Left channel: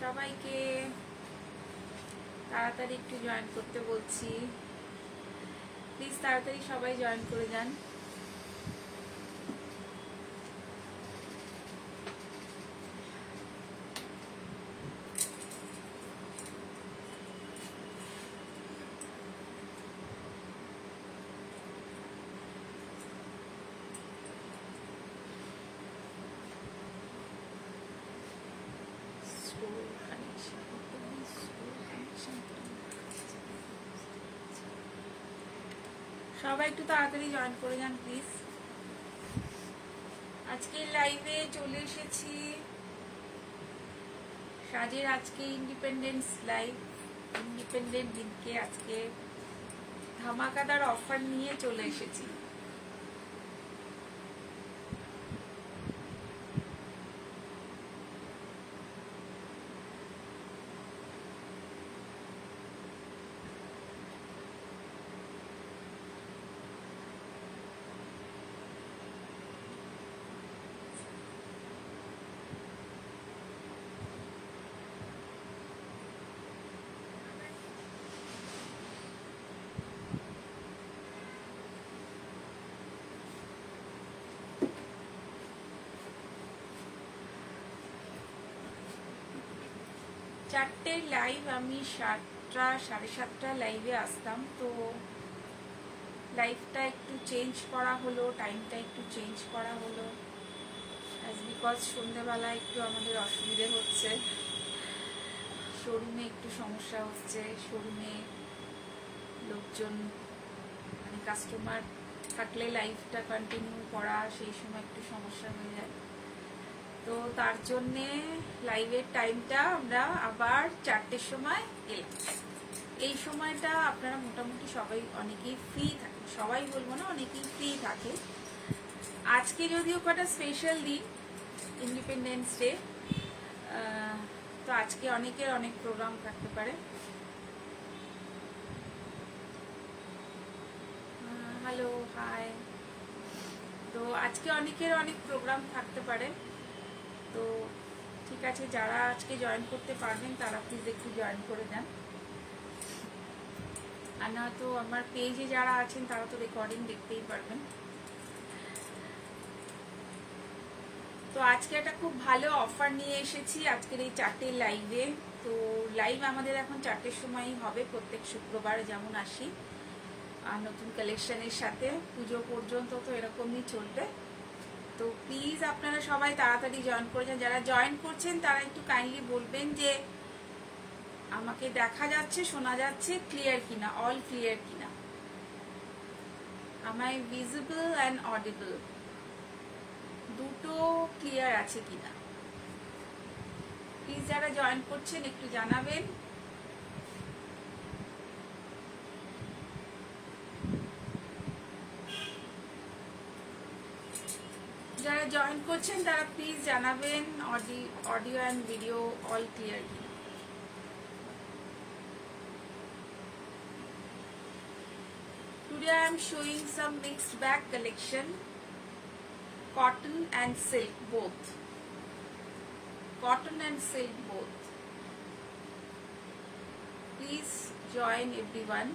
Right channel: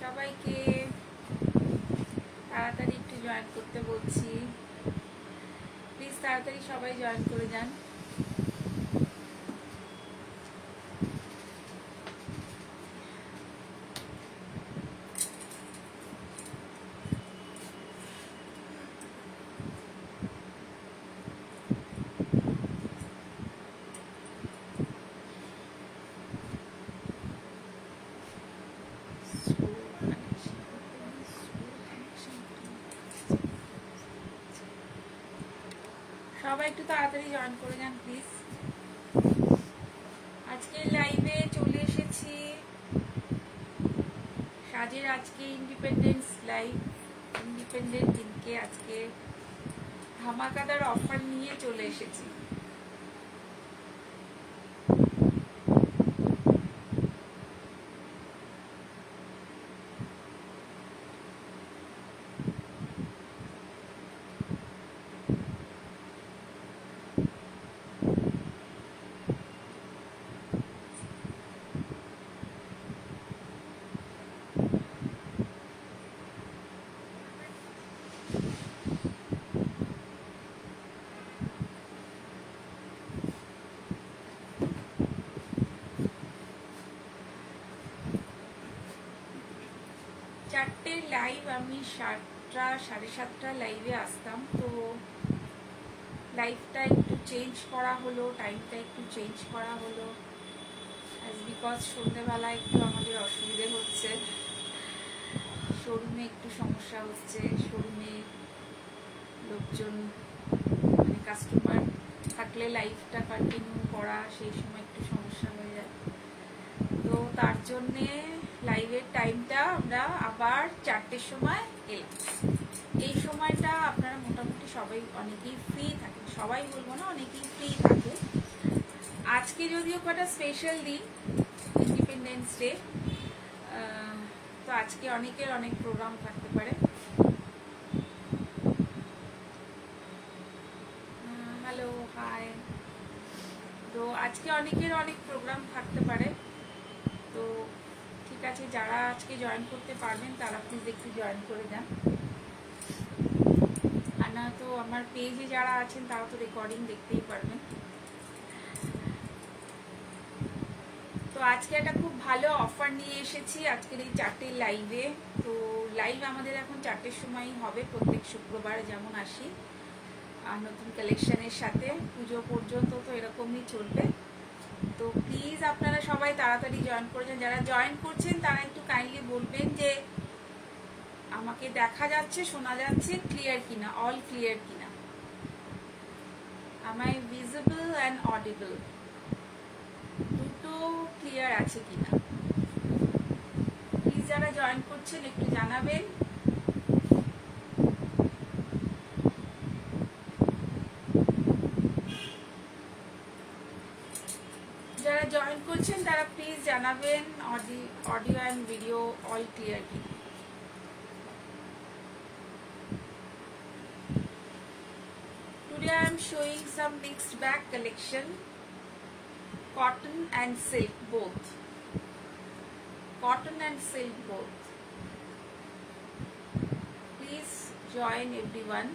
সবাইকে তাড়াতাড়ি একটু জয়েন করতে বলছি, প্লিজ তাড়াতাড়ি সবাই জয়েন করে যান। সবাই একটু তাড়াতাড়ি জয়েন করে যান প্লিজ। আজকে লাইভে চলে এসেছি, সাজের আজকে ইন্ডিপেন্ডেন্স লাইভ। ইন্ডিপেন্ডেন্ট দিনকে আজকে ধামাকাদার অফার নিয়ে চলে এসেছি। চারটে লাইভ আমি 7টা 7:30 লাইভে আসতাম, তো লাইভটা একটু চেঞ্জ করা হলো, টাইমটা একটু চেঞ্জ করা হলো, বিকজ সন্ধ্যেবেলা একটু আমাদের অসুবিধে হচ্ছে, শোরুমে একটু সমস্যা হচ্ছে। শোরুমে লোকজন মানে কাস্টমার থাকলে লাইভটা কন্টিনিউ করা সেই সময় একটু সমস্যা হয়ে যায়, তো তার জন্যে লাইভের টাইমটা আমরা আবার 4টের সময় এলাম। এই সময়টা আপনারা মোটামুটি সবাই অনেকেই ফ্রি থাকে, সবাই বলবো না, অনেকেই ফ্রি থাকে। আজকে যদিও কটা স্পেশাল দিন, ইন্ডিপেন্ডেন্স ডে, তো আজকে অনেকের অনেক প্রোগ্রাম থাকতে পারে। Hello, hi. তো আজকে অনেকের অনেক প্রোগ্রাম থাকতে পারে, তো ঠিক আছে, যারা আজকে জয়েন করতে পারবেন তারা প্লিজ একটু জয়েন করে দেন। আর না তো আমার পেজে যারা আছেন তারা তো রেকর্ডিং দেখতেই পারবেন। তো আজকে একটা খুব ভালো অফার নিয়ে এসেছি আজকের এই 4টে লাইভে। তো লাইভ আমাদের এখন 4টের সময়ই হবে, প্রত্যেক শুক্রবার যেমন আসি, আর নতুন কালেকশনের সাথে পুজো পর্যন্ত তো এরকমই চলবে। তো প্লিজ আপনারা সবাই তাড়াতাড়ি জয়েন করেছেন। যারা জয়েন করছেন তারা একটু কাইন্ডলি বলবেন যে আমাকে দেখা যাচ্ছে, শোনা যাচ্ছে ক্লিয়ার কিনা, অল ক্লিয়ার কিনা, am I visible and audible, দুটো ক্লিয়ার আছে কিনা। প্লিজ যারা জয়েন করছেন একটু জানাবেন। যারা জয়েন করছেন তারা প্লিজ জানাবেন audio and video all clear কিনা। Today I am showing some mixed bag collection, cotton and silk both. Cotton and silk both. Please join everyone.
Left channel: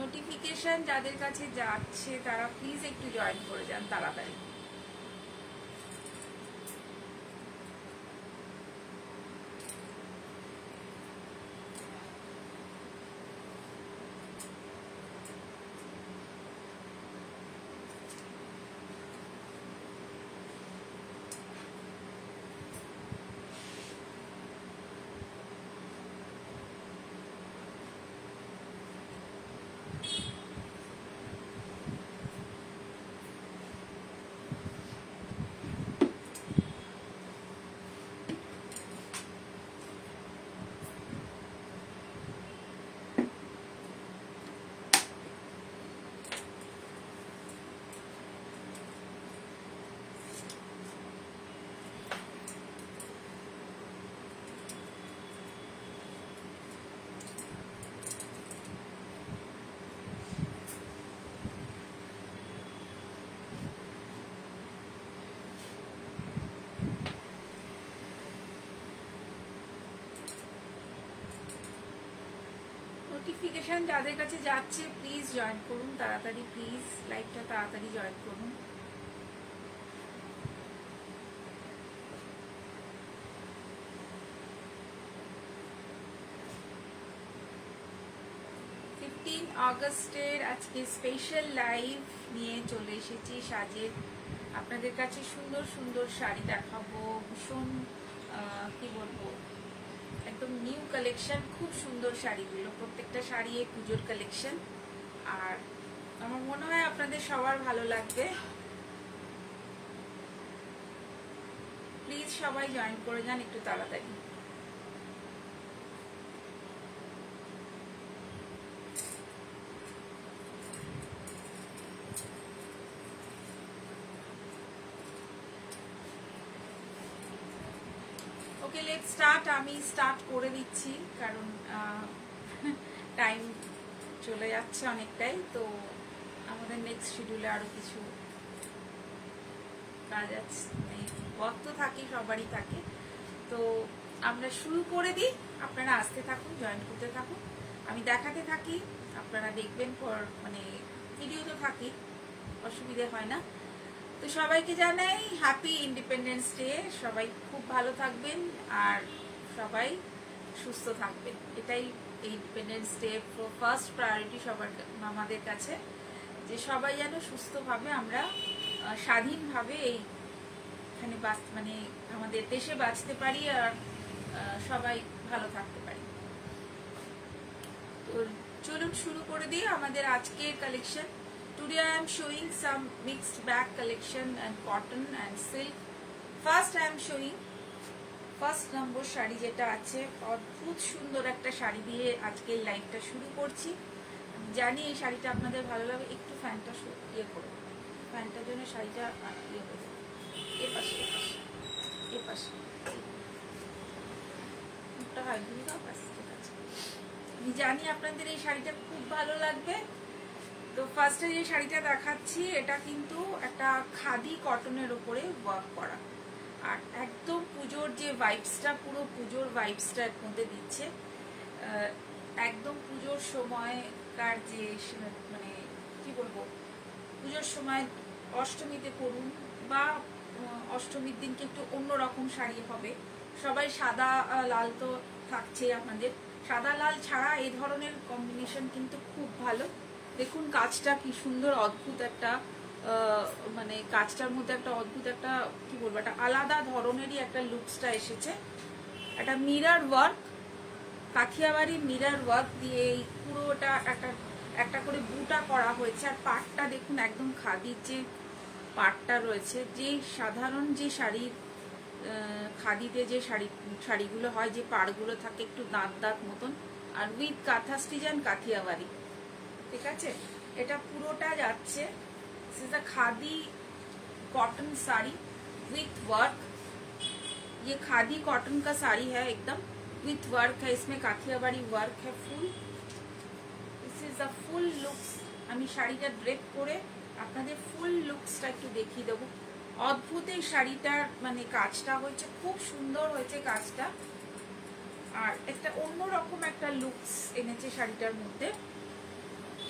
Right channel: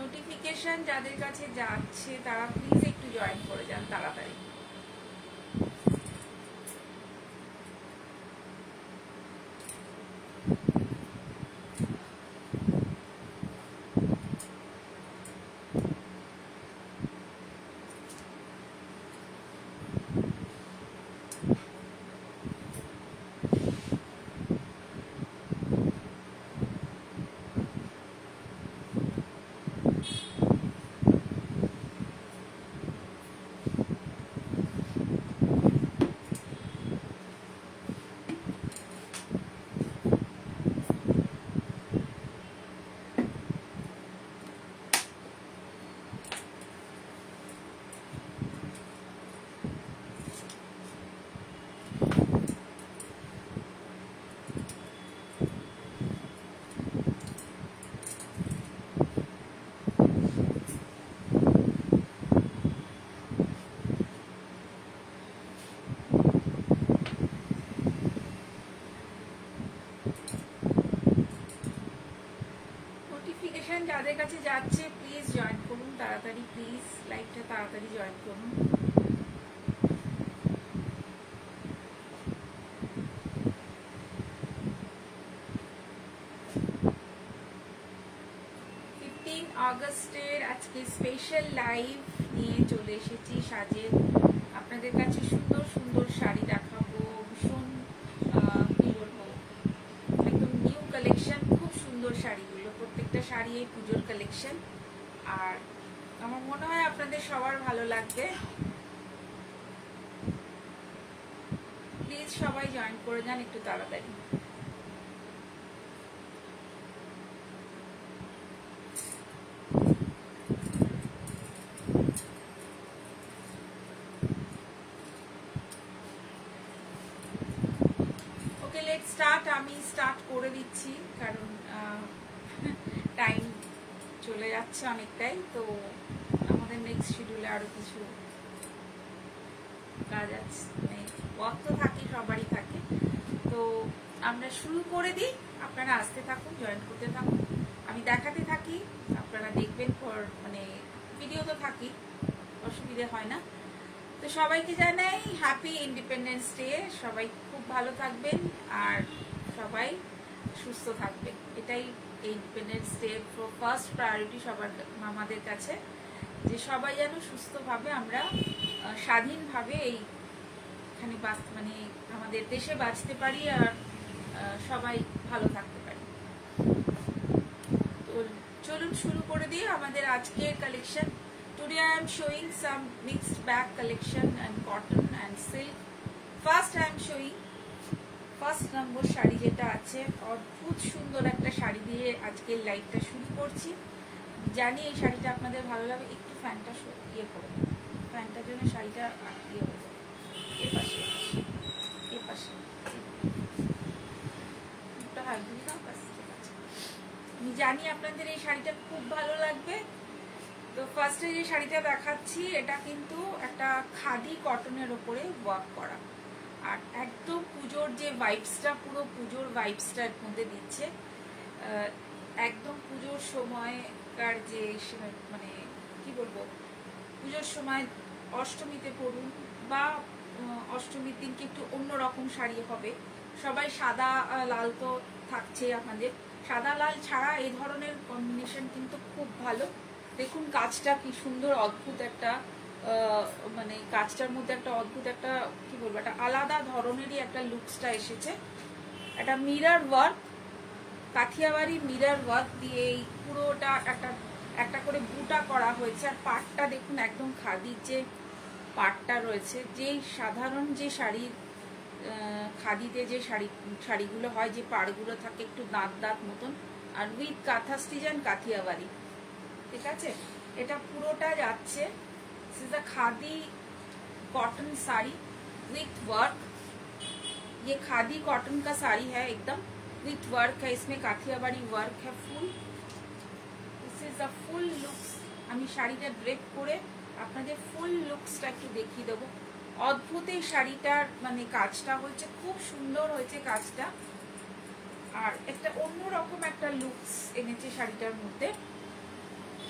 Notification যাদের কাছে যাচ্ছে তারা প্লিজ একটু জয়েন করে যান তাড়াতাড়ি। যাদের কাছে যাচ্ছে প্লিজ জয়েন করুন তাড়াতাড়ি, প্লিজ লাইভটা তাড়াতাড়ি জয়েন করুন। আগস্টের আজকে স্পেশাল লাইভ নিয়ে চলে এসেছি সাজের। আপনাদের কাছে সুন্দর সুন্দর শাড়ি দেখাবো, ভীষণ কি বলবো, একদম নিউ কালেকশন, খুব সুন্দর শাড়িগুলো, প্রত্যেকটা শাড়ি এই পুজোর কালেকশন। আর আমার মনে হয় আপনাদের সবার ভালো লাগবে। প্লিজ সবাই জয়েন করে যান একটু তাড়াতাড়ি। আমি স্টার্ট করে দিচ্ছি কারণ টাইম চলে যাচ্ছে অনেকটাই, তো আমাদের নেক্সট শিডিউলে আরো কিছু কাজ আছে, ওয়ার্ক তো থাকে, সবারই থাকে। তো আমরা শুরু করে দিই, আপনারা আসতে থাকুন, জয়েন করতে থাকুন, আমি দেখাতে থাকি, আপনারা দেখবেন। মানে ভিডিও তো থাকি, অসুবিধা হয় না। তো সবাইকে জানাই হ্যাপি ইন্ডিপেন্ডেন্স ডে। সবাই খুব ভালো থাকবেন আর সবাই সুস্থ থাকবেন, এটাই ইন্ডিপেন্ডেন্স ডে ফার্স্ট প্রায়োরিটি সবার আমাদের কাছে, যে সবাই যেন সুস্থভাবে আমরা স্বাধীনভাবে এইখানে মানে আমাদের দেশে বাঁচতে পারি আর সবাই ভালো থাকতে পারি। তো চলুন শুরু করে দিই আমাদের আজকের collection. Today I am showing some mixed bag collection and cotton and silk. First I am showing first নম্বর শাড়ি যেটা আছে, অদ্ভুত সুন্দর একটা শাড়ি দিয়ে আজকের লাইভটা শুরু করছি। জানি এই শাড়িটা আপনাদের ভালো লাগবে। একটু ফ্যানটা ইয়ে করে, ফ্যানটার জন্য শাড়িটা ইয়ে হয়ে যাবে। এপাশে আমি জানি আপনাদের এই শাড়িটা খুব ভালো লাগবে। তো ফার্স্টে যে শাড়িটা দেখাচ্ছি এটা কিন্তু একটা খাদি কটনের ওপরে ওয়ার্ক করা, আর একদম পুজোর যে ভাইবসটা, পুরো পুজোর ভাইবসটা এর মধ্যে দিচ্ছে। একদম পুজোর সময়কার যে মানে কি বলবো, পুজোর সময় অষ্টমীতে পরুন বা অষ্টমীর দিনকে একটু অন্যরকম শাড়ি হবে। সবাই সাদা লাল তো থাকছে, আমাদের সাদা লাল ছাড়া এই ধরনের কম্বিনেশন কিন্তু খুব ভালো। দেখুন কাজটা কি সুন্দর, অদ্ভুত একটা মানে কাজটার মধ্যে একটা অদ্ভুত একটা কি বলবো, একটা আলাদা ধরনেরই একটা লুকসটা এসেছে। একটা মিরর ওয়ার্ক, কাঠিয়াবাড়ির মিরর ওয়ার্ক দিয়ে এই পুরোটা একটা করে বুটা করা হয়েছে। আর পাটটা দেখুন একদম খাদির যে পাটটা রয়েছে, যে সাধারণ যে শাড়ি খাদিতে যে শাড়িগুলো হয়, যে পাড়গুলো থাকে একটু দাঁত দাঁত মতন, আর উইথ কাঁথা স্টিচ এন্ড কাথিয়াবাড়ি, ঠিক আছে। এটা পুরোটা যাচ্ছে khadi cotton sari with work. ये खादी कॉटन का साड़ी है, एकदम विथ वर्क है, इसमें काठियावाड़ी वर्क है full. This is a full looks. আমি শাড়িটা ড্রেপ করে আপনাদের ফুল লুকসটা একটু দেখিয়ে দেবো। অদ্ভুত এই শাড়িটার মানে কাজটা হয়েছে, খুব সুন্দর হয়েছে কাজটা, আর একটা অন্যরকম একটা লুকস এনেছে শাড়িটার মধ্যে।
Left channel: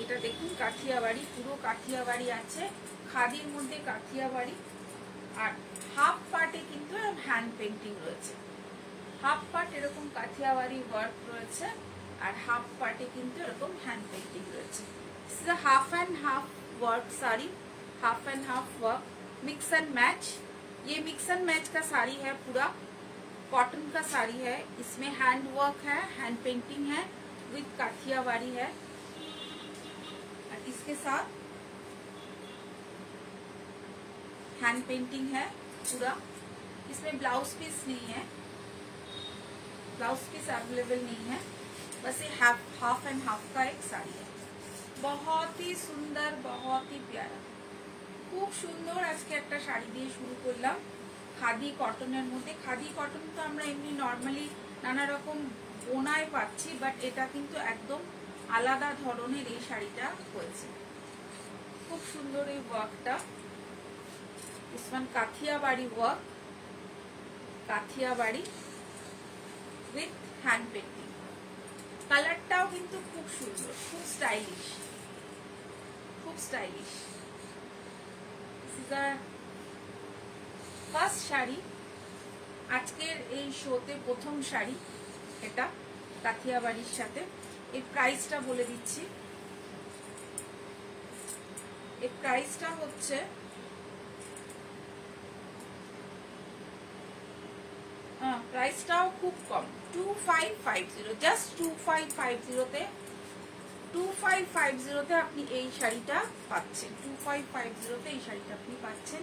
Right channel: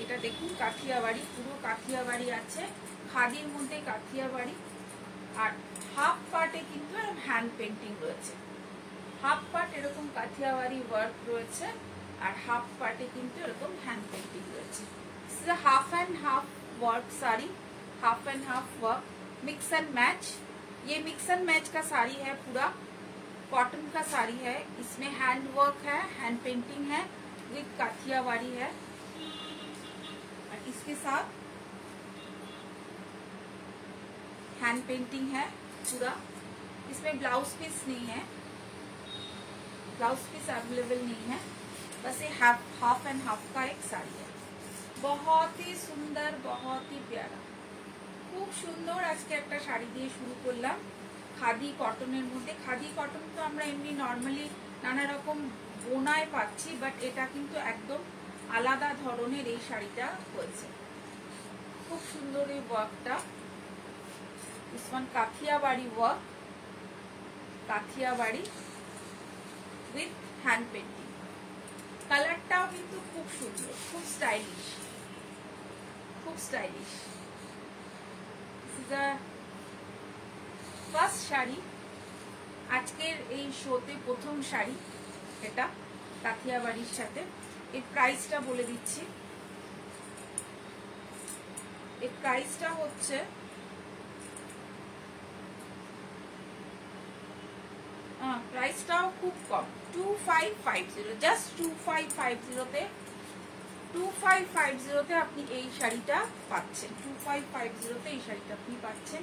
এটা দেখুন কাঠিয়াবাড়ি, পুরো কাঠিয়াবাড়ি আছে, খাদির মধ্যে কাঠিয়াবাড়ি। আর হাফ পার্টে কিন্তু হ্যান্ড পেন্টিং রয়েছে, হাফ পার্ট এরকম কাঠিয়াবাড়ি ওয়ার্ক রয়েছে, আর হাফ পার্টে কিন্তু এরকম হ্যান্ড पेंटिंग রয়েছে। Half and half work sari, half and half work, mix and match. ये मिक्स एंड मैच का साड़ी है, पूरा कॉटन का साड़ी है, इसमें हैंड वर्क है, हैंड पेंटिंग है, विद काठियावाड़ी है। और इसके साथ हैंड पेंटिंग है पूरा। इसमें ब्लाउज पीस नहीं है, ब्लाउज पीस अवेलेबल नहीं है, बस ये हाफ एंड हाफ का एक साड़ी है। बहुत ही सुंदर, बहुत ही प्यारा, खूब सुंदर। आज के एक शाड़ी दिए शुरू करलाम खादी कटनेर मध्य। खादी कटन तो आमरा एमनी नर्माली नाना रकम बोनाय पाচ্ছি, बाट এটা কিন্তু একদম আলাদা ধরনের এই শাড়িটা হয়েছে, খুব সুন্দর এই ওয়ার্কটা। This one Kathiawari work, Kathiawari with hand painting. कलरटाও কিন্তু খুব সুন্দর, খুব স্টাইলিশ, খুব স্টাইলিশ। ফার্স্ট শাড়ি আজকের এই শোতে, প্রথম শাড়ি এটা কাঠিয়াবাড়ির সাথে। এর প্রাইসটা বলে দিচ্ছি, এর প্রাইসটা হচ্ছে প্রাইসটাও খুব কম, 2550, জাস্ট 2550 2550 আপনি এই শাড়িটা পাচ্ছেন, 2550 এই শাড়িটা আপনি পাচ্ছেন।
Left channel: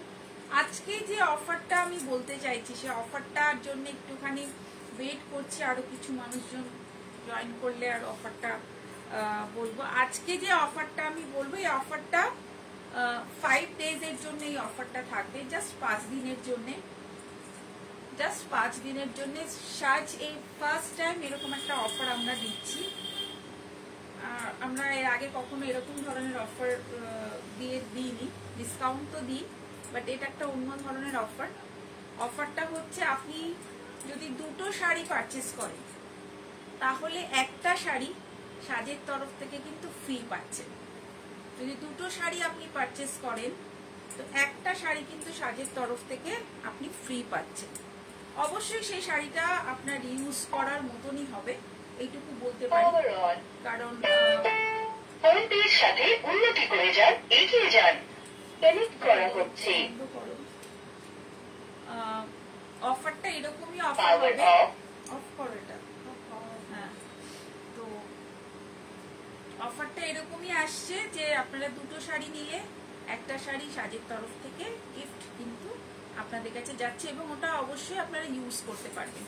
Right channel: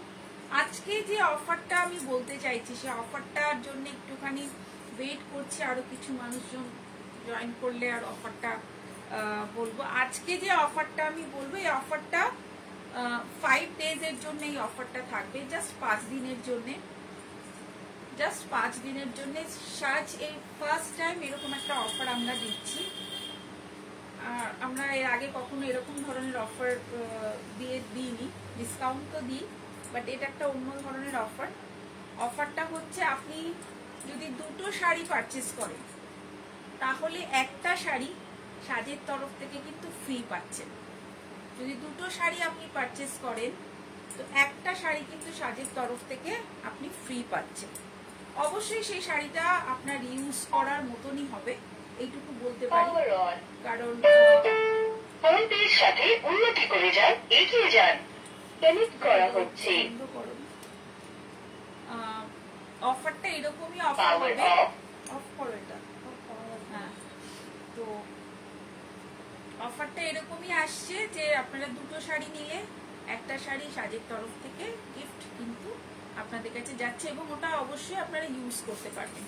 আজকে যে অফারটা আমি বলতে চাইছি, সে অফারটার জন্য একটুখানি ওয়েট করছি, আরো কিছু মানুষজন জয়েন করলে আর অফারটা বলবো। আজকে যে অফারটা আমি বলবো, এই অফারটা 5 days এর জন্য এই অফারটা থাকবে, জাস্ট 5 দিনের জন্য, জাস্ট 5 দিনের জন্য। সাজ এই ফার্স্ট টাইম এরকম একটা অফার আমরা দিচ্ছি। আমরা এর আগে কখনো এরকম ধরনের অফার দিইনি, ডিসকাউন্ট তো দিই, বাট এটা একটা অন্য ধরনের অফার। অফারটা হচ্ছে আপনি যদি দুটো শাড়ি পারচেজ করেন, তাহলে একটা শাড়ি সাজের তরফ থেকে কিন্তু ফ্রি পাচ্ছেন। যদি দুটো শাড়ি আপনি পারচেজ করেন, তো একটা শাড়ি কিন্তু সাজের তরফ থেকে আপনি ফ্রি পাচ্ছেন। অবশ্যই সেই শাড়িটা আপনার ইউজ করার মতনই হবে, এইটুকু বলতে পারি, কারণ সাথে উন্নতি করে যান, এগিয়ে যান, পেমেন্ট করা হচ্ছে। অফারটা এরকমই অফার হবে, অফ করো এটা। হ্যাঁ, তো অফারটা এরকমই আসছে যে আপনারা দুটো শাড়ি নিলে একটা শাড়ি সাজের তরফ থেকে গিফট কিন্তু আপনাদের কাছে যাচ্ছে, এবং ওটা অবশ্যই আপনারা ইউজ করতে পারবেন,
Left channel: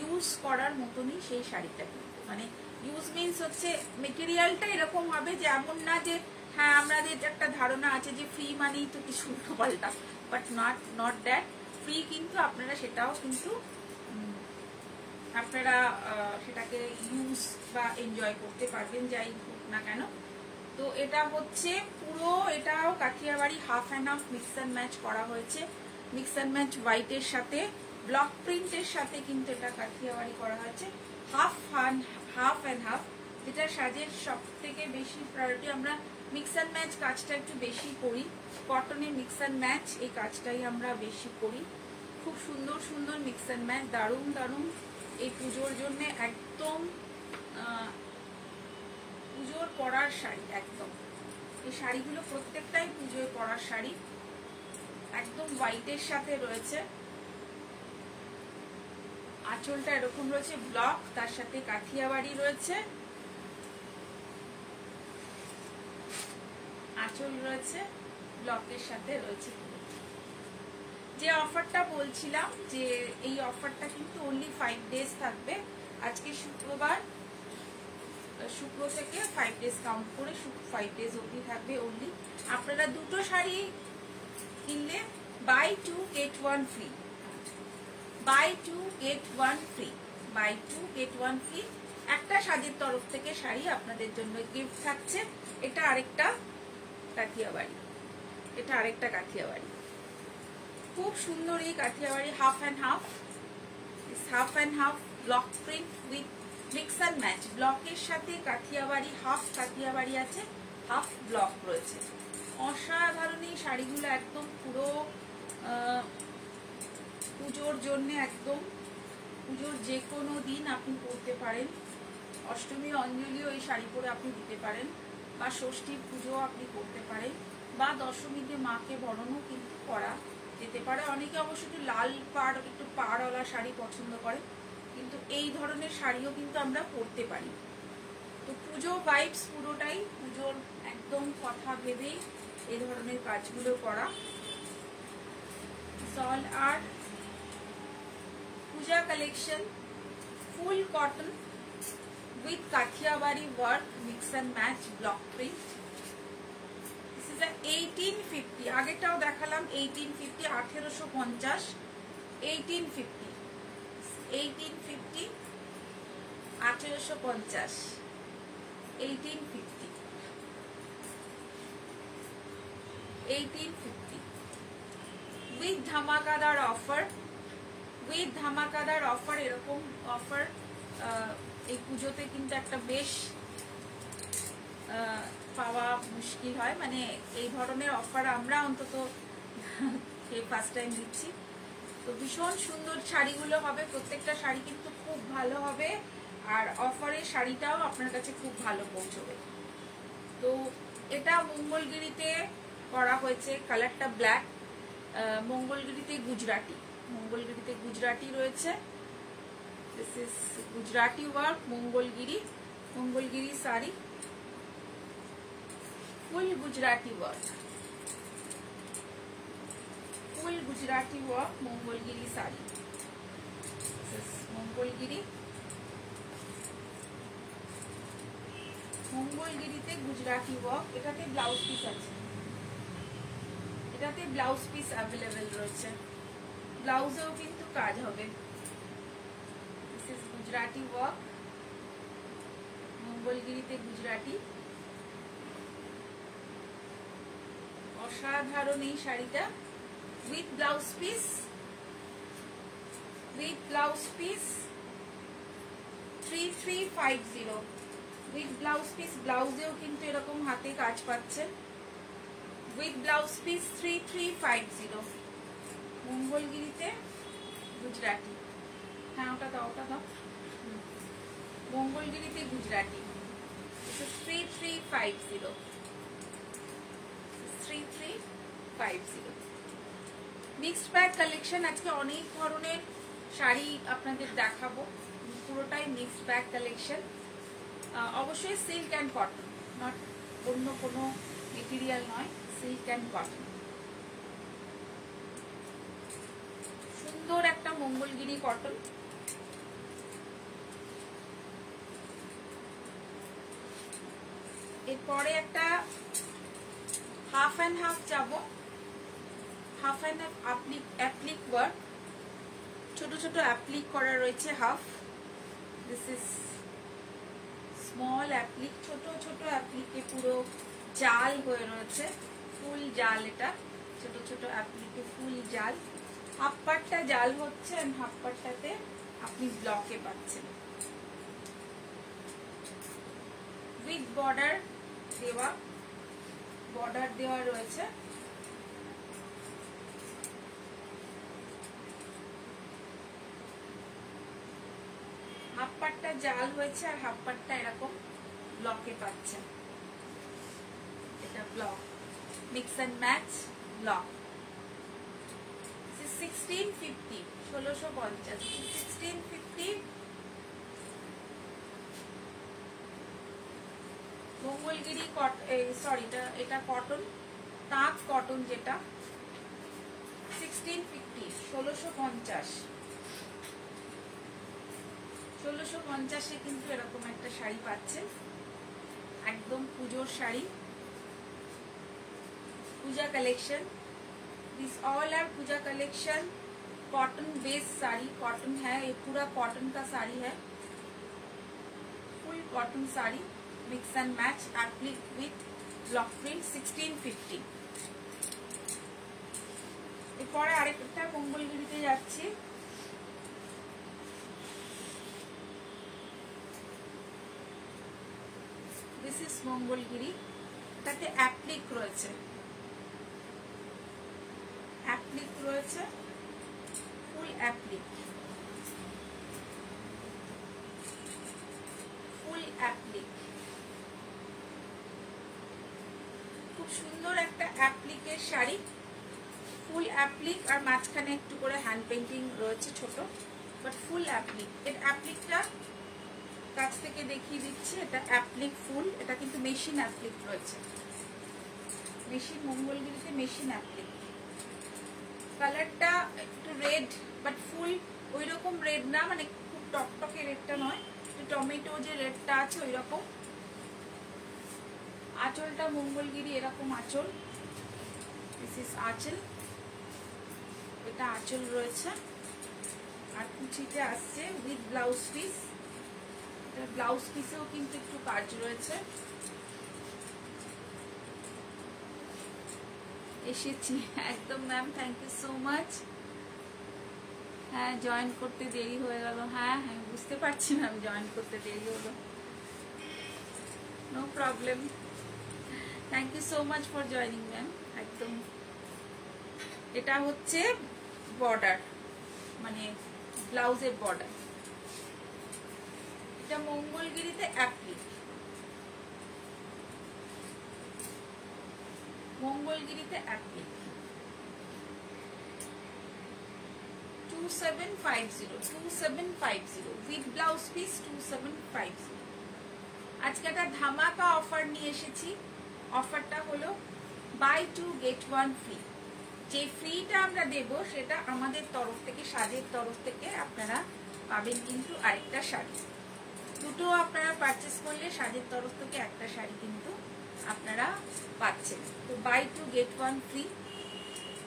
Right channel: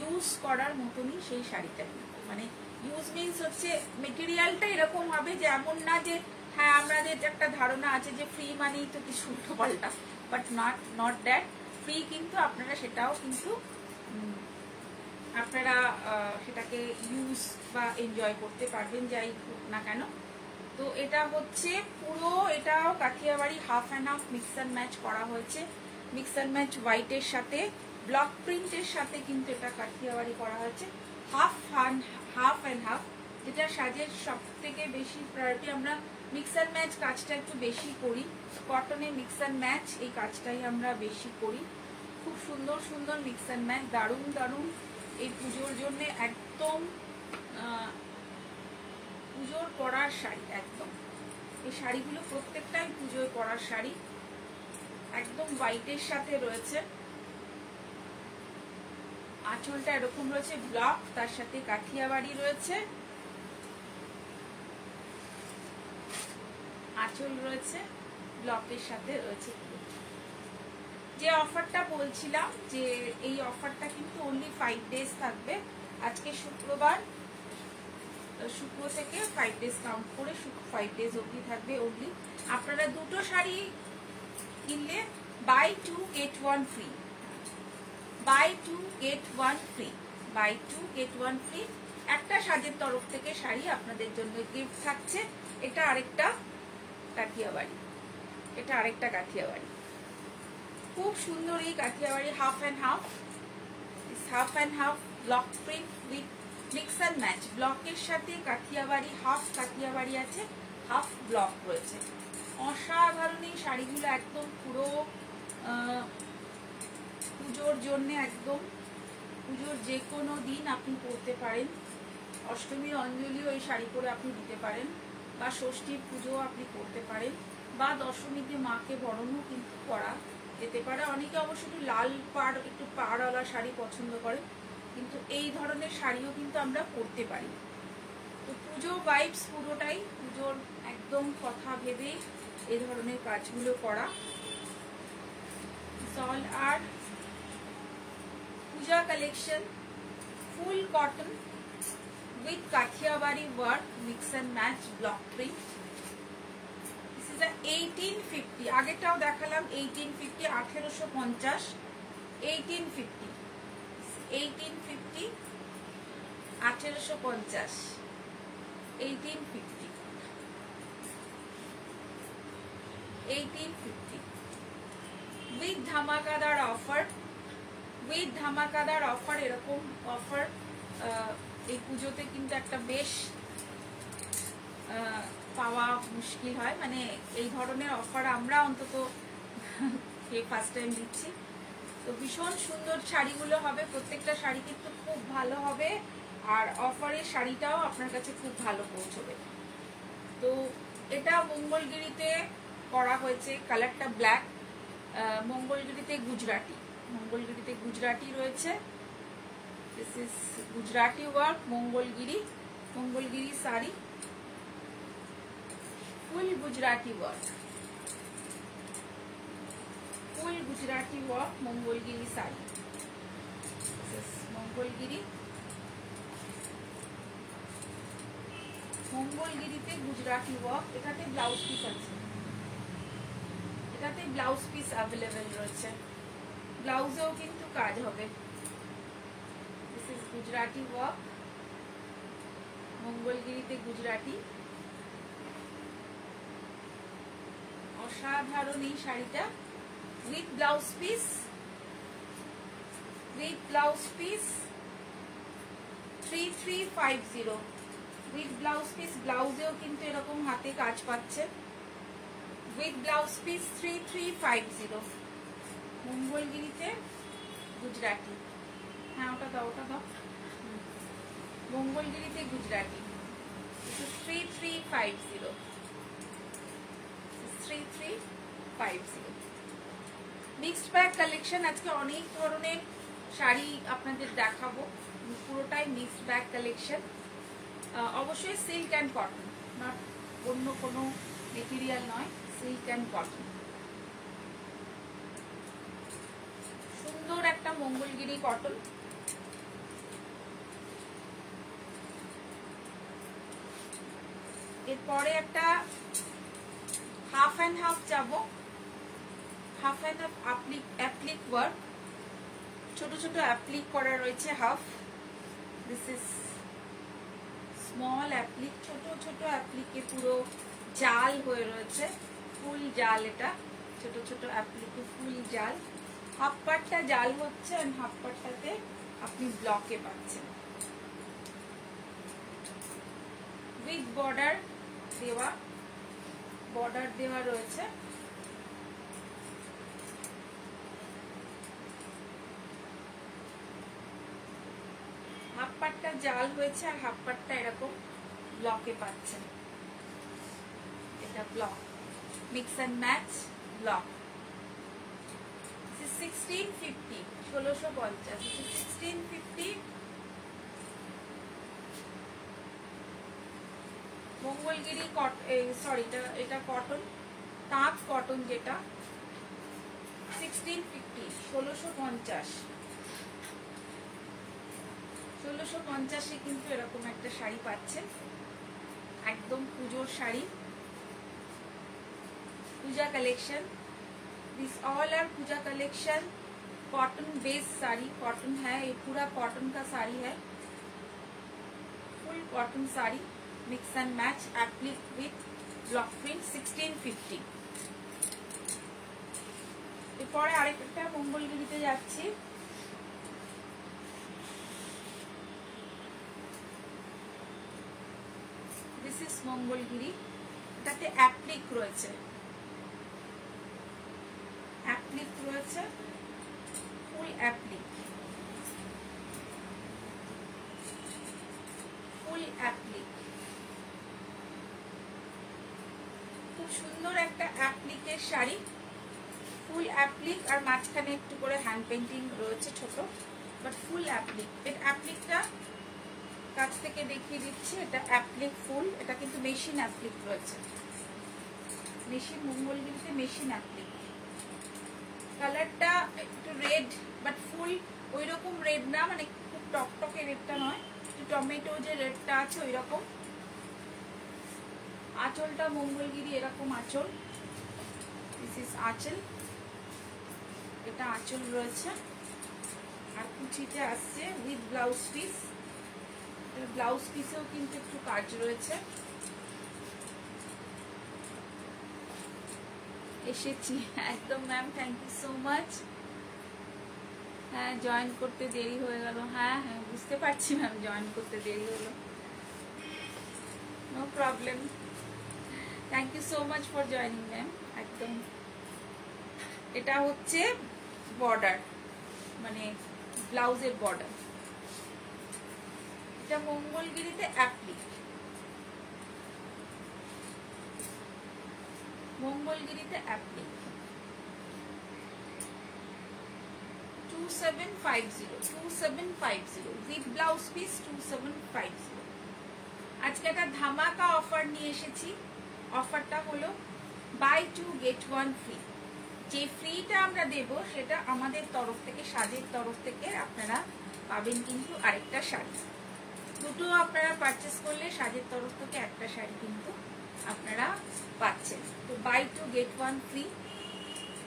ইউজ করার মতনই সেই শাড়িটা। মানে ইউজ মিনস হচ্ছে মেটেরিয়ালটা এরকম হবে যে এমন না যে হ্যাঁ আমাদের একটা ধারণা আছে যে ফ্রি মানেই তো কিছু উল্টো পাল্টা, বাট নট দ্যাট। ফ্রি কিন্তু আপনারা সেটাও কিন্তু আপনারা সেটাকে ইউজ বা এনজয় করতে পারবেন, যাই হোক না কেন। তো এটা হচ্ছে পুরো, এটাও Kathiawari half and half mix and match করা হয়েছে। মিক্স অ্যান্ড ম্যাচ হোয়াইটের সাথে ব্লক প্রিন্টের সাথে কিন্তু এটা কাঠিয়াবাড়ি করা হয়েছে। হাফ অ্যান্ড হাফ, যেটা সাজের সব থেকে বেশি প্রায়োরিটি। আমরা মিক্স অ্যান্ড ম্যাচ কাজটা একটু বেশি করি, কটনে মিক্স অ্যান্ড ম্যাচ এই কাজটাই আমরা বেশি করি। খুব সুন্দর সুন্দর মিক্স অ্যান্ড ম্যাচ, দারুণ দারুণ। এই পুজোর জন্য একদম পুজোর পরার শাড়ি, একদম এই শাড়িগুলো প্রত্যেকটাই পুজোর পরার শাড়ি, একদম হোয়াইটের সাথে রয়েছে। আঁচলটা এরকম রয়েছে ব্লক, তার সাথে কাঠিয়াবাড়ি রয়েছে, আঁচল রয়েছে ব্লকের সাথে রয়েছে। যে অফারটা বলছিলাম, যে এই অফারটা কিন্তু অনলি 5 days থাকবে। আজকে শুক্রবার, শুক্র থেকে 5 ডেজ কাউন্ট করে 5 ডেজ অবধি থাকবে অনলি। আপনারা দুটো শাড়ি কিনলে buy 2 get 1 free, buy 2 get 1 free, buy 2 get 1 free. একটা সাজের তরফ থেকে শাড়ি আপনাদের জন্য গিফট থাকছে। এটা আরেকটা কাঠিয়াবাড়ি, এটা আরেকটা কাঠিয়াবাড়ি, খুব সুন্দর এই Kathiawari half and half, half and half block print with mix and match. ব্লকের সাথে কাঠিয়াবাড়ি, হাফ কাঠিয়াবাড়ি আছে, হাফ ব্লক রয়েছে। অসাধারণ এই শাড়িগুলো, একদম পুরো পুজোর জন্য, একদম পুজোর যে কোনো দিন আপনি পরতে পারেন। অষ্টমীর অঞ্জলিও এই শাড়ি পরে আপনি দিতে পারেন, বা ষষ্ঠীর পুজো আপনি করতে পারেন, বা দশমীতে মাকে বরণও কিন্তু করা যেতে পারে। অনেকে অবশ্য একটু লাল পাড়, একটু পাড়ওয়ালা শাড়ি পছন্দ করে, কিন্তু এই ধরনের শাড়িও কিন্তু আমরা পরতে পারি। তো পুজো ভাইবস পুরোটাই পুজোর একদম কথা ভেবেই এই ধরনের কাজগুলো করা। সল আর Puja collection, full cotton with Kathiawari work, mix and match block print. This is a 1850. আগেটাও দেখালাম 1850, 1850, 1850, 1850, 1850, 1850, 1850 with ধামাকাদার অফার, উইথ ধামাকাদার অফার। এরকম অফার এই পুজোতে কিন্তু একটা বেশ পাওয়া মুশকিল হয়, মানে এই ধরনের অফার আমরা অন্তত ফার্স্ট টাইম দিচ্ছি। তো ভীষণ সুন্দর শাড়িগুলো হবে, প্রত্যেকটা শাড়ি কিন্তু খুব ভালো হবে, আর অফারের শাড়িটাও আপনার কাছে খুব ভালো পৌঁছবে। তো এটা মঙ্গলগিরিতে করা হয়েছে, কালারটা ব্ল্যাক, মঙ্গলগিরিতে গুজরাটি, মঙ্গলগিরিতে গুজরাটি রয়েছে। This is Gujarati work, Mongolgiri, Mongolgiri sari, full Gujarati work, full Gujarati work, Mongolgiri sari. This is Mongolgiri, Mongolgiri-te Gujarati work. এটাতে ব্লাউজ পিস আছে, এটাতে ব্লাউজ পিস অ্যাভেলেবেল রয়েছে, ব্লাউজেও কিন্তু কাজ হবে। গুজরাটি ওয়ার্ক, মঙ্গলগিরিতে গুজরাটি। অসাধারণ এই শাড়িটা, with blouse piece, with blouse piece 3350, with blouse piece. ব্লাউজেও কিন্তু এরকম হাতে কাজ পাচ্ছেন, উইথ ব্লাউজ পিস 3350, মঙ্গলগিরিতে গুজরাটি। হ্যাঁ ওটা দাও, ওটা দাও, মঙ্গলগিরিতে গুজরাটি। 3350, 3350 mixed bag collection. আজকে অনেক ধরনের শাড়ি আপনাদের দেখাবো, পুরোটাই মিক্সড ব্যাগ কালেকশন। অবশ্যই সিল্ক অ্যান্ড কটন, নট অন্য কোনো মেটেরিয়াল নয়, সিল্ক অ্যান্ড কটন। সুন্দর একটা মঙ্গলগিরি কটন। এরপরে একটা হাফ অ্যান্ড হাফ যাব, half and half applique work, ছোট ছোট অ্যাপ্লিক করা রয়েছে half. This is small applique, ছোট ছোট অ্যাপ্লিকে পুরো জাল হয়ে রয়েছে, ফুল জাল। এটা ছোট ছোট অ্যাপ্লিকে ফুল জাল, হাফ পার্টটা জাল হচ্ছে আর হাফ পার্টটাতে আপনি ব্লকে পাচ্ছেন। উইথ বর্ডার দেওয়া, বর্ডার দেওয়া রয়েছে। হাফ পার্টটা জাল হয়েছে আর হাফ পার্টটা এরকম ব্লকে পাচ্ছেন। এটা block, mix and match block. 1650, 1650, 1650 Mangalagiri sorry এটা কটন, তাঁত কটন যেটা 1650, 1650, 1650 কিন্তু এরকম একটা শাড়ি পাচ্ছেন। একদম পুজোর sari, Puja collection. This all are Puja collection. Cotton based sari, cotton है, ये पूरा कॉटन का साड़ी है, full cotton sari, mix and match, applique with block print, 1650। এরপরে আরেকটা মঙ্গলগিরিতে যাচ্ছি। দিস ইজ মঙ্গলগিরি, এটাতে অ্যাপ্লিক রয়েছে, অ্যাপ্লিক রয়েছে, ফুল অ্যাপ্লিক, ফুল অ্যাপ্লিক, খুব সুন্দর একটা অ্যাপ্লিকের শাড়ি, ফুল অ্যাপ্লিক, আর মাঝখানে একটু করে হ্যান্ড পেন্টিং রয়েছে ছোট, বাট ফুল অ্যাপ্লিক। এর অ্যাপ্লিকটা কাছ থেকে দেখিয়ে দিচ্ছি, এটা অ্যাপ্লিক ফুল, এটা কিন্তু মেশিন অ্যাপ্লিক রয়েছে, মেশিন, মঙ্গলগিরিতে মেশিন অ্যাপ্লিক। কালারটা একটু রেড, বাট ফুল ওই রকম রেড না, মানে খুব টকটকে রেডটা নয়, একটু টমেটো যে রেডটা আছে ওই রকম। আঁচলটা মঙ্গলগিরি এরকম আঁচল, দিস ইজ আঁচল, এটা আঁচল রয়েছে, আর কুচিতে আসছে উইথ ব্লাউজ পিস, ব্লাউজ পিসেও কিন্তু একটু কাজ রয়েছে। এসেছি একদম ma'am, thank you so much. হ্যাঁ জয়েন করতে দেরি হয়ে গেল, হ্যাঁ হ্যাঁ বুঝতে পারছি ম্যাম, জয়েন করতে দেরি হলো, no problem, thank you so much for joining ma'am. একদম এটা হচ্ছে বর্ডার, মানে ব্লাউজের বর্ডার, এটা মঙ্গলগিরিতে অ্যাপ্লিক, মঙ্গলগিরিতে অ্যাপ্লিক, 2750, 2750 উইথ ব্লাউজ পিস, 2750। আজকে একটা ধামাকা অফার নিয়ে এসেছি, অফারটা হলো বাই 2 get 1 ফ্রি। যে ফ্রিটা আমরা দেব সেটা আমাদের তরফ থেকে, সাজের তরফ থেকে আপনারা পাবেন কিন্তু আরেকটা শাড়ি, দুটো আপনারা পারচেস করলে সাজের তরফ থেকে একটা শাড়ি কিন্তু আপনারা পাচ্ছেন। তো buy 2 get 1 free,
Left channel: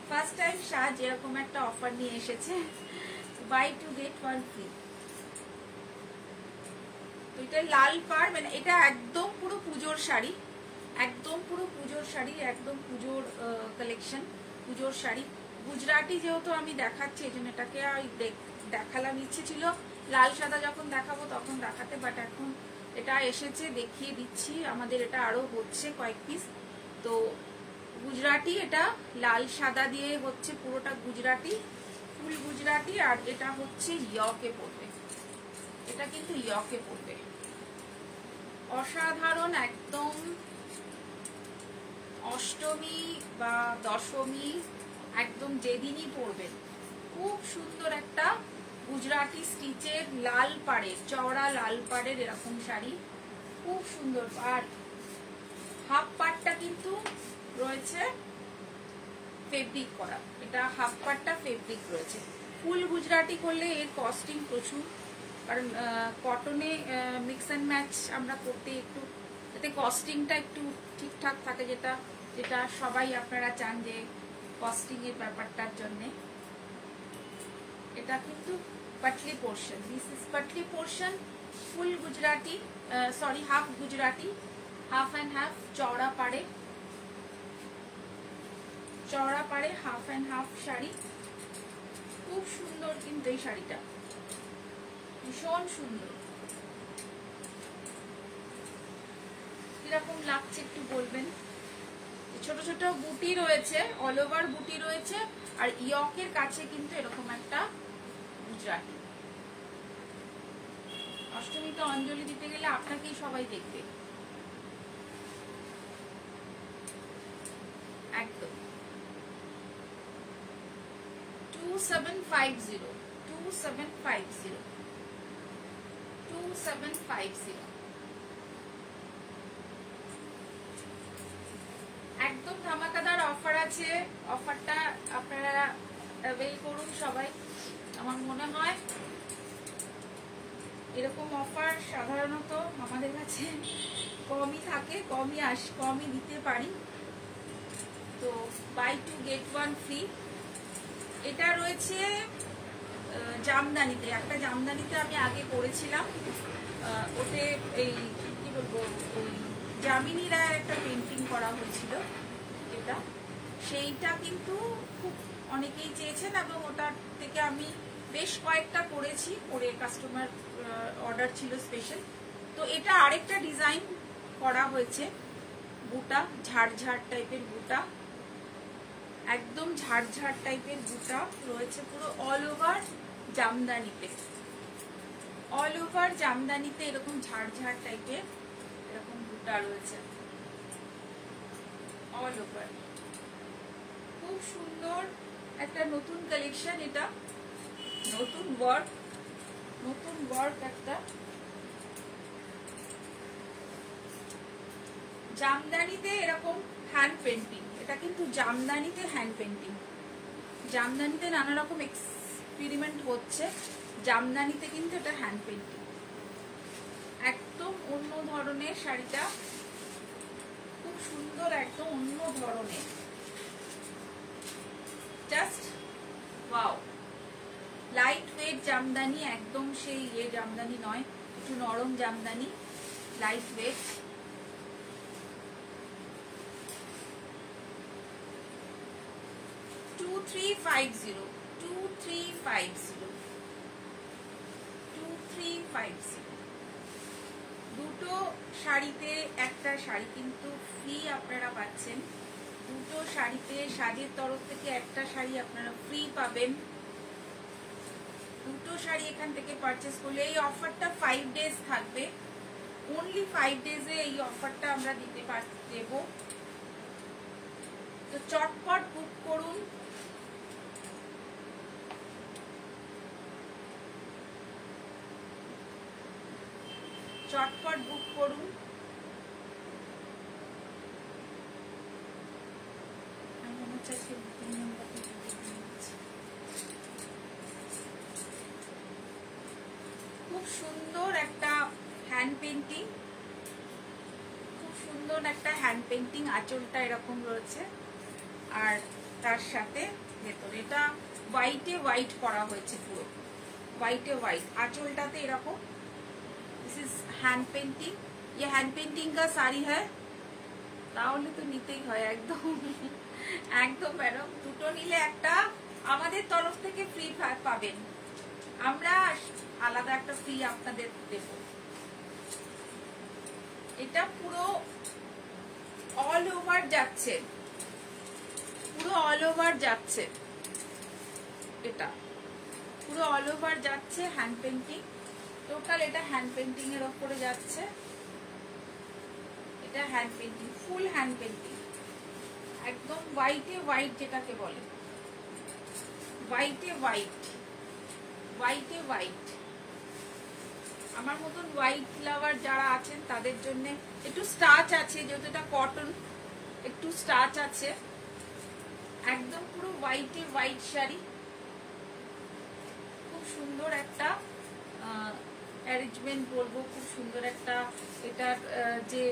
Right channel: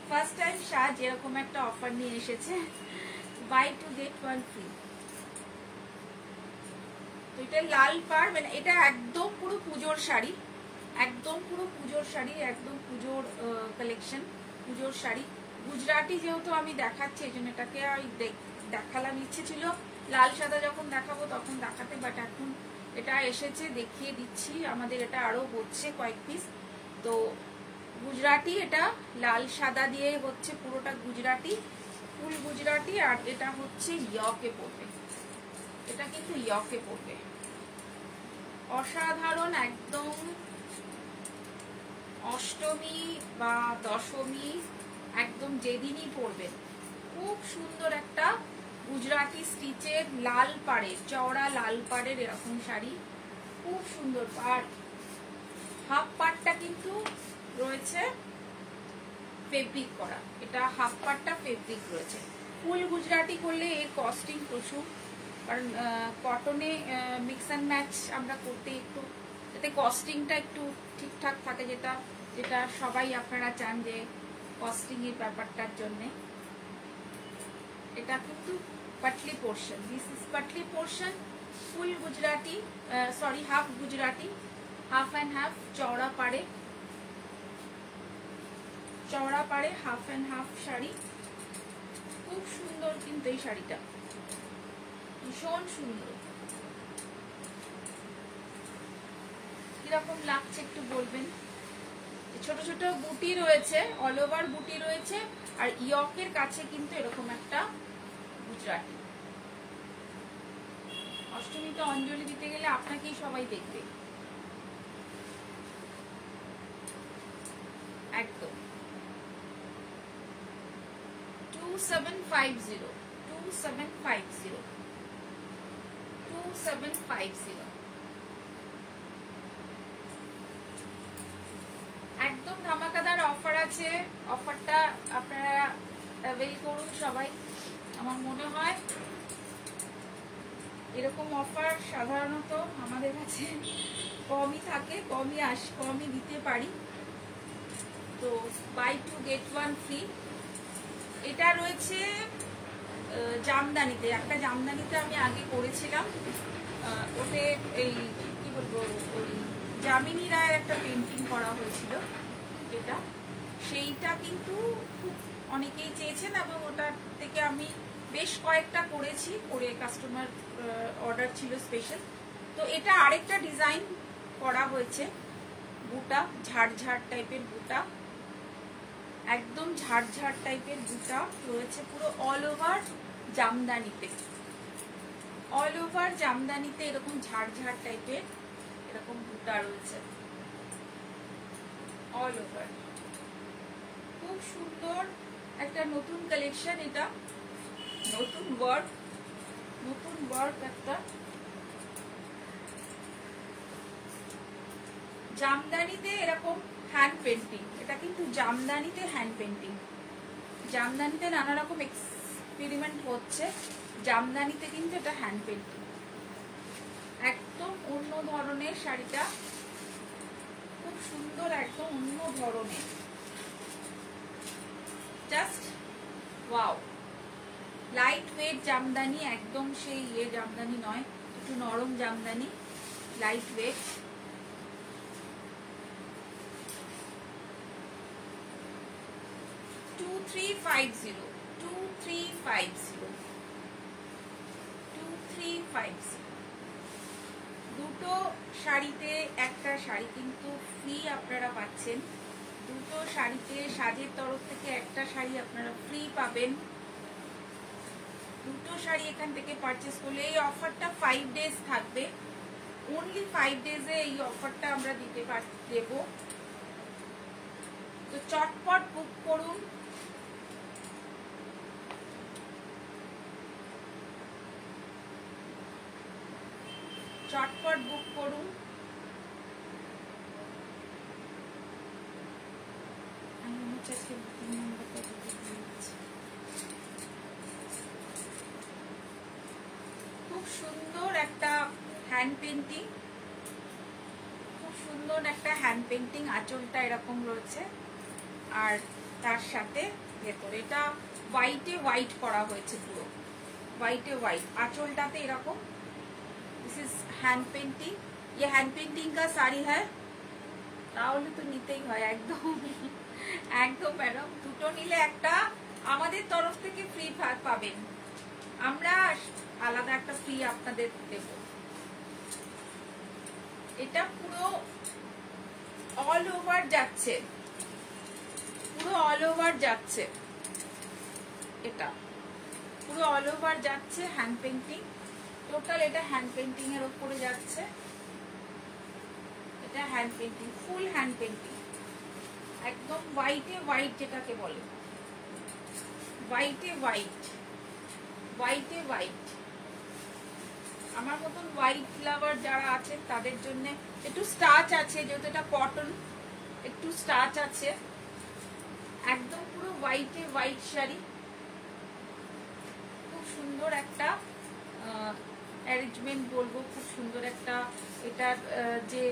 first time সাজ এরকম একটা অফার নিয়ে এসেছে, বাই 2 get 1 ফ্রি। এটা লাল পাড়, মানে এটা একদম পুরো পুজোর শাড়ি, একদম পুরো পুজোর শাড়ি, একদম পুজোর কালেকশন, পুজোর শাড়ি। গুজরাটি যেহেতু আমি দেখাচ্ছি এই জন্য এটাকে দেখালাম, ইচ্ছে ছিল লাল সাদা যখন দেখাবো তখন দেখাতে, বাট এখন এটা এসেছে দেখিয়ে দিচ্ছি। আমাদের এটা আরো হচ্ছে কয়েক পিস, তো গুজরাটি, এটা লাল সাদা দিয়ে হচ্ছে, পুরোটা গুজরাটি, ফুল গুজরাটি, আর এটা হচ্ছে ইয়কে পড়বে, এটা কিন্তু ইয়কে পড়বে, অসাধারণ একদম। অষ্টমী বা দশমী একদম যেদিনই পরবেন, খুব সুন্দর একটা গুজরাটি স্টিচের লাল পাড়ের, চওড়া লাল পাড়ের এরকম শাড়ি, খুব সুন্দর। আর হাফ পাড়টা কিন্তু রয়েছে ফেব্রিক করা, এটা হাফ পাড়টা ফেব্রিক রয়েছে। ফুল গুজরাটি করলে এর কস্টিং প্রচুর, কারণ কটনে মিক্স অ্যান্ড ম্যাচ আমরা করতে একটু, যাতে কস্টিংটা একটু ঠিকঠাক থাকে, যেটা যেটা সবাই আপনারা চান যে কস্টিং এর ব্যাপারটার জন্য। এটা কিন্তু Patli portion, this is Patli portion, full Gujarati, sorry half Gujarati, half and half, চওড়া পাড়ে, চওড়া পাড়ে হাফ অ্যান্ড হাফ শাড়ি, খুব সুন্দর কিন্তু এই শাড়িটা, ভীষণ সুন্দর। কিরকম লাগছে একটু বলবেন। ছোট ছোট বুটি রয়েছে, অল ওভার বুটি রয়েছে, আর ইয়কের কাছে কিন্তু এরকম একটা গুজরাটি। অষ্টমীতে অঞ্জলি দিতে গেলে আপনাকেই সবাই দেখবে, একদম 2750, 2750, 2750, একদম ধামাকাদার অফার আছে। অফারটা আপনারা অ্যাভেল করুন সবাই। আমার মনে হয় এরকম অফার সাধারণত আমাদের কাছে কমই থাকে, কমই দিতে পারি। তো বাই 2 get 1 ফ্রি। এটা রয়েছে জামদানিতে, একটা জামদানিতে আমি আগে করেছিলাম, ওতে এই কি বলবো, ওই যামিনী রায়ের একটা পেন্টিং করা হয়েছিল, এটা সেইটা কিন্তু খুব অনেকেই চেয়েছেন এবং ওটার থেকে আমি বেশ কয়েকটা করেছি, করে কাস্টমার অর্ডার ছিল স্পেশাল। তো এটা আরেকটা ডিজাইন করা হয়েছে, বুটা ঝাড় টাইপের বুটা, একদম ঝাড় টাইপের বুটা রয়েছে পুরো অল ওভার জামদানিতে, অল ওভার জামদানিতে এরকম ঝাড় টাইপের এরকম বুটা রয়েছে অল ওভার। খুব সুন্দর একটা নতুন কালেকশন, এটা নতুন ওয়ার্ক একটা জামদানিতে এরকম হ্যান্ড পেন্টিং। এটা কিন্তু জামদানিতে হ্যান্ড পেন্টিং, জামদানিতে নানা রকম এক্সপেরিমেন্ট হচ্ছে, জামদানিতে কিন্তু এটা হ্যান্ড পেন্টিং, একদম অন্য ধরনের শাড়িটা, খুব সুন্দর, একদম অন্য ধরনের, just wow. Light weight Jamdani, একদম সেই জামদানি নয়, একটু নরম জামদানি, লাইট ওয়েট। দুটো শাড়িতে একটা শাড়ি কিন্তু ফ্রি আপনারা পাচ্ছেন, দুটো শাড়িতে সাজের তরফ থেকে একটা শাড়ি আপনারা ফ্রি পাবেন। দুটো শাড়ি এখান থেকে পারচেস করলে এই অফারটা 5 days থাকবে, অনলি 5 days-এ এই অফারটা আমরা দেব। তো চটপট বুক করুন। চটপট বুক করুন। খুব সুন্দর একটা হ্যান্ড পেন্টিং, খুব সুন্দর একটা হ্যান্ড পেন্টিং, আঁচলটা এরকম রয়েছে আর তার সাথে ভেতর এটা হোয়াইট করা হয়েছে, পুরো হোয়াইট, আঁচলটাতে এরকম। দিস ইজ হ্যান্ড পেন্টিং, ये হ্যান্ড পেন্টিং का শাড়ি है, তাহলে তো নিতেই হয় একদম একদম ম্যাডাম। দুটো নিলে একটা আমাদের তরফ থেকে ফ্রি পাবেন, আমরা আলাদা একটা ফ্রি আপনাদের দেব। এটা পুরো অল ওভার যাচ্ছে, পুরো অল ওভার যাচ্ছে, এটা পুরো অল ওভার যাচ্ছে হ্যান্ড পেন্টিং, টোটাল এটা হ্যান্ড পেন্টিং এর উপরে যাচ্ছে, এটা hand painting, full hand painting, একদম হোয়াইট যেটাকে বলে, হোয়াইট। আমার মতন হোয়াইট লাভার যারা আছেন তাদের জন্য একটু স্টাচ আছে, যেহেতু এটা কটন, একটু স্টাচ আছে, একদম পুরো হোয়াইট শাড়ি, খুব সুন্দর একটা অ্যারেঞ্জমেন্ট বলবো, খুব সুন্দর একটা, এটার যে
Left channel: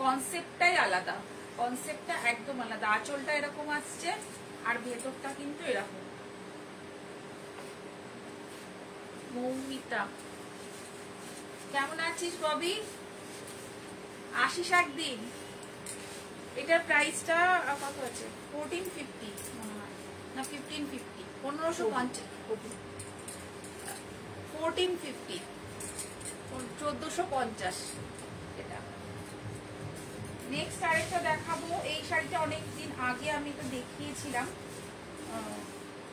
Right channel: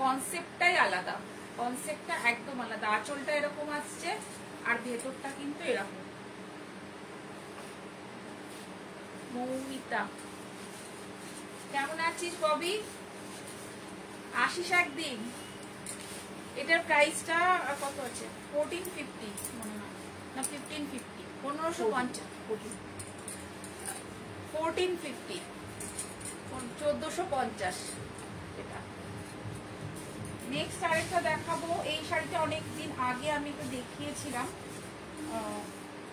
কনসেপ্টটাই আলাদা, কনসেপ্টটা একদম আলাদা। আঁচলটা এরকম আসছে আর ভেতরটা কিন্তু এরকম। মৌমিতা, কেমন আছিস ববি? আসিস একদিন। এটার প্রাইসটা কত আছে? 1450 মনে হয়, না 1550, 1550, 1450, 1450 এটা। নেক্সট আরেকটা দেখাবো, এই শাড়িটা অনেকদিন আগে আমি তো দেখিয়েছিলাম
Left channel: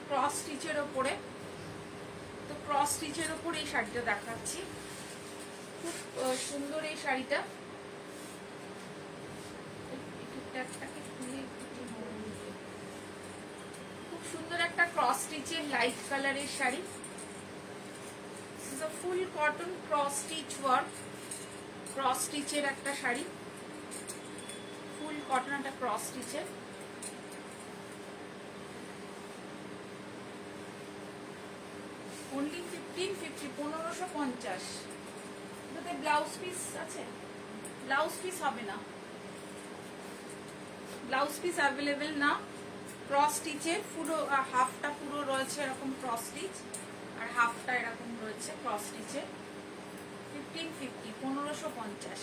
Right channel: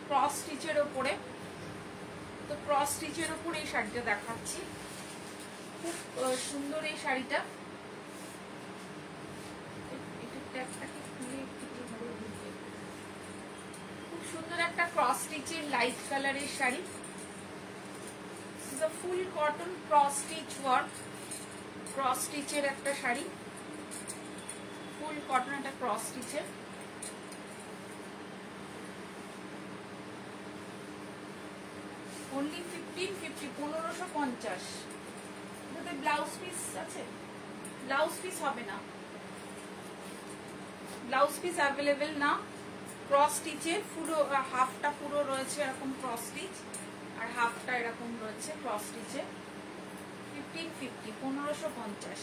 ক্রস স্টিচের ওপরে, তো ক্রস স্টিচের ওপর এই শাড়িটা দেখাচ্ছি, খুব সুন্দর এই শাড়িটা। খুব সুন্দর একটা ক্রস স্টিচের লাইট কালারের শাড়ি, ফুল cotton cross stitch work, cross স্টিচের একটা শাড়ি, ফুল কটন একটা ক্রস স্টিচের। অনলি 1550, 1550। এটাতে ব্লাউজ পিস আছে, ব্লাউজ পিস হবে না, ব্লাউজ পিস অ্যাভেলেবেল না। ক্রস স্টিচের পুরো হাফটা পুরো রয়েছে এরকম ক্রস স্টিচ, আর হাফটা এরকম রয়েছে ক্রস স্টিচে। 1550, 1550।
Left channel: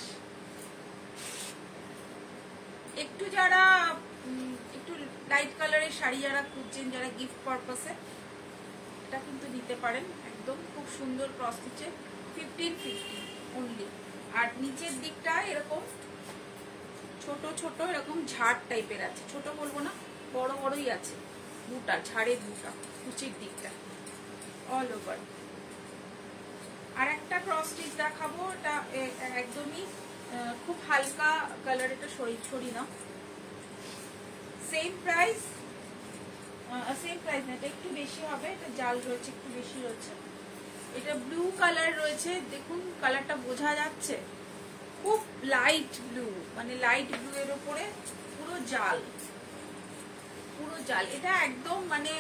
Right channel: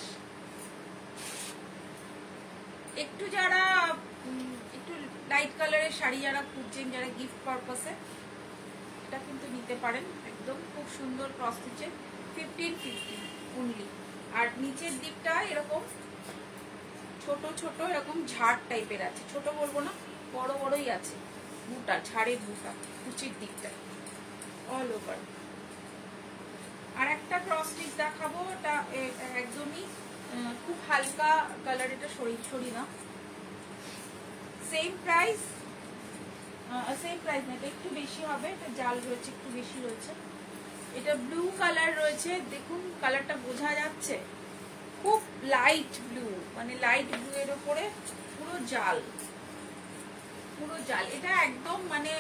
একটু যারা একটু লাইট কালারের শাড়ি যারা খুঁজছেন, যারা গিফট পারপাসে, এটা কিন্তু নিতে পারেন। একদম খুব সুন্দর ক্রস স্টিচে 1550 অনলি। আর নিচের দিকটা এরকম ছোট ছোট এরকম ঝাড় টাইপের আছে, ছোট বলবো না, বড় বড়ই আছে বুটা, ঝাড়ের বুটা কুচির দিকটা অল ওভার। আর একটা ক্রস স্টিচ দেখাবো, এটা একদমই খুব হালকা কালার, এটা সরি না, সেম প্রাইস না, এটা একটু বেশি হবে, এটা জাল রয়েছে, একটু বেশি রয়েছে। এটা ব্লু কালার রয়েছে, দেখুন কালারটা বোঝা যাচ্ছে, খুব লাইট ব্লু, মানে লাইট ব্লু এর উপরে পুরো জাল, পুরো জাল। এটা একদম মানে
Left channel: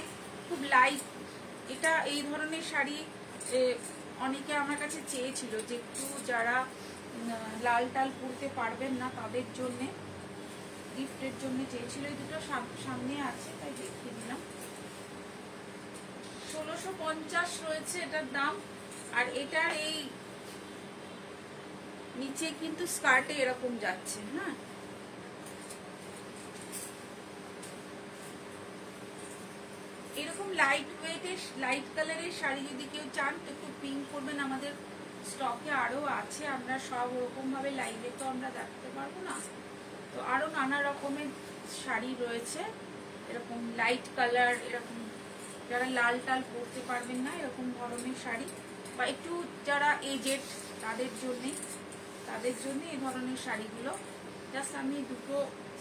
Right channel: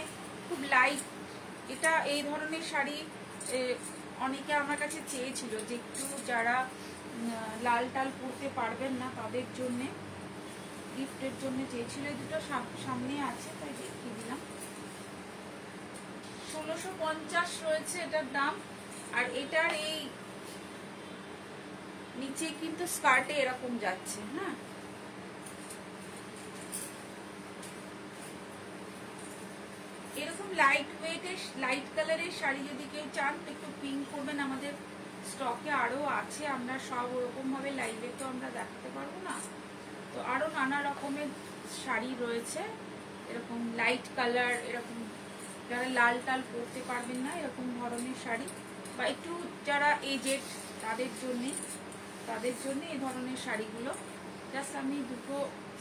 খুব লাইট। এটা এই ধরনের শাড়ি অনেকে আমার কাছে চেয়েছিল, যে একটু যারা লাল টাল পরতে পারবেন না তাদের জন্য, গিফটের জন্য চেয়েছিল। এই দুটো সামনে আছে তাই দেখিয়ে দিলাম। 1650 রয়েছে এটার দাম। আর এটার এই নিচে কিন্তু স্কার্টে এরকম যাচ্ছে, হ্যাঁ, এরকম লাইট ওয়েটের লাইট কালারের শাড়ি যদি কেউ চান তো একটু পিঙ্ক করবেন, আমাদের স্টকে আরো আছে। আমরা সব ওরকম ভাবে লাইভে তো আমরা দেখতে পারবো না, তো আরো নানা রকমের শাড়ি রয়েছে এরকম লাইট কালার, এরকম যারা লাল টাল পরতে পারবেন না এরকম ধরনের শাড়ি, বা একটু যারা এজেড তাদের জন্য এই ধরনের শাড়িগুলো। জাস্ট আমি দুটো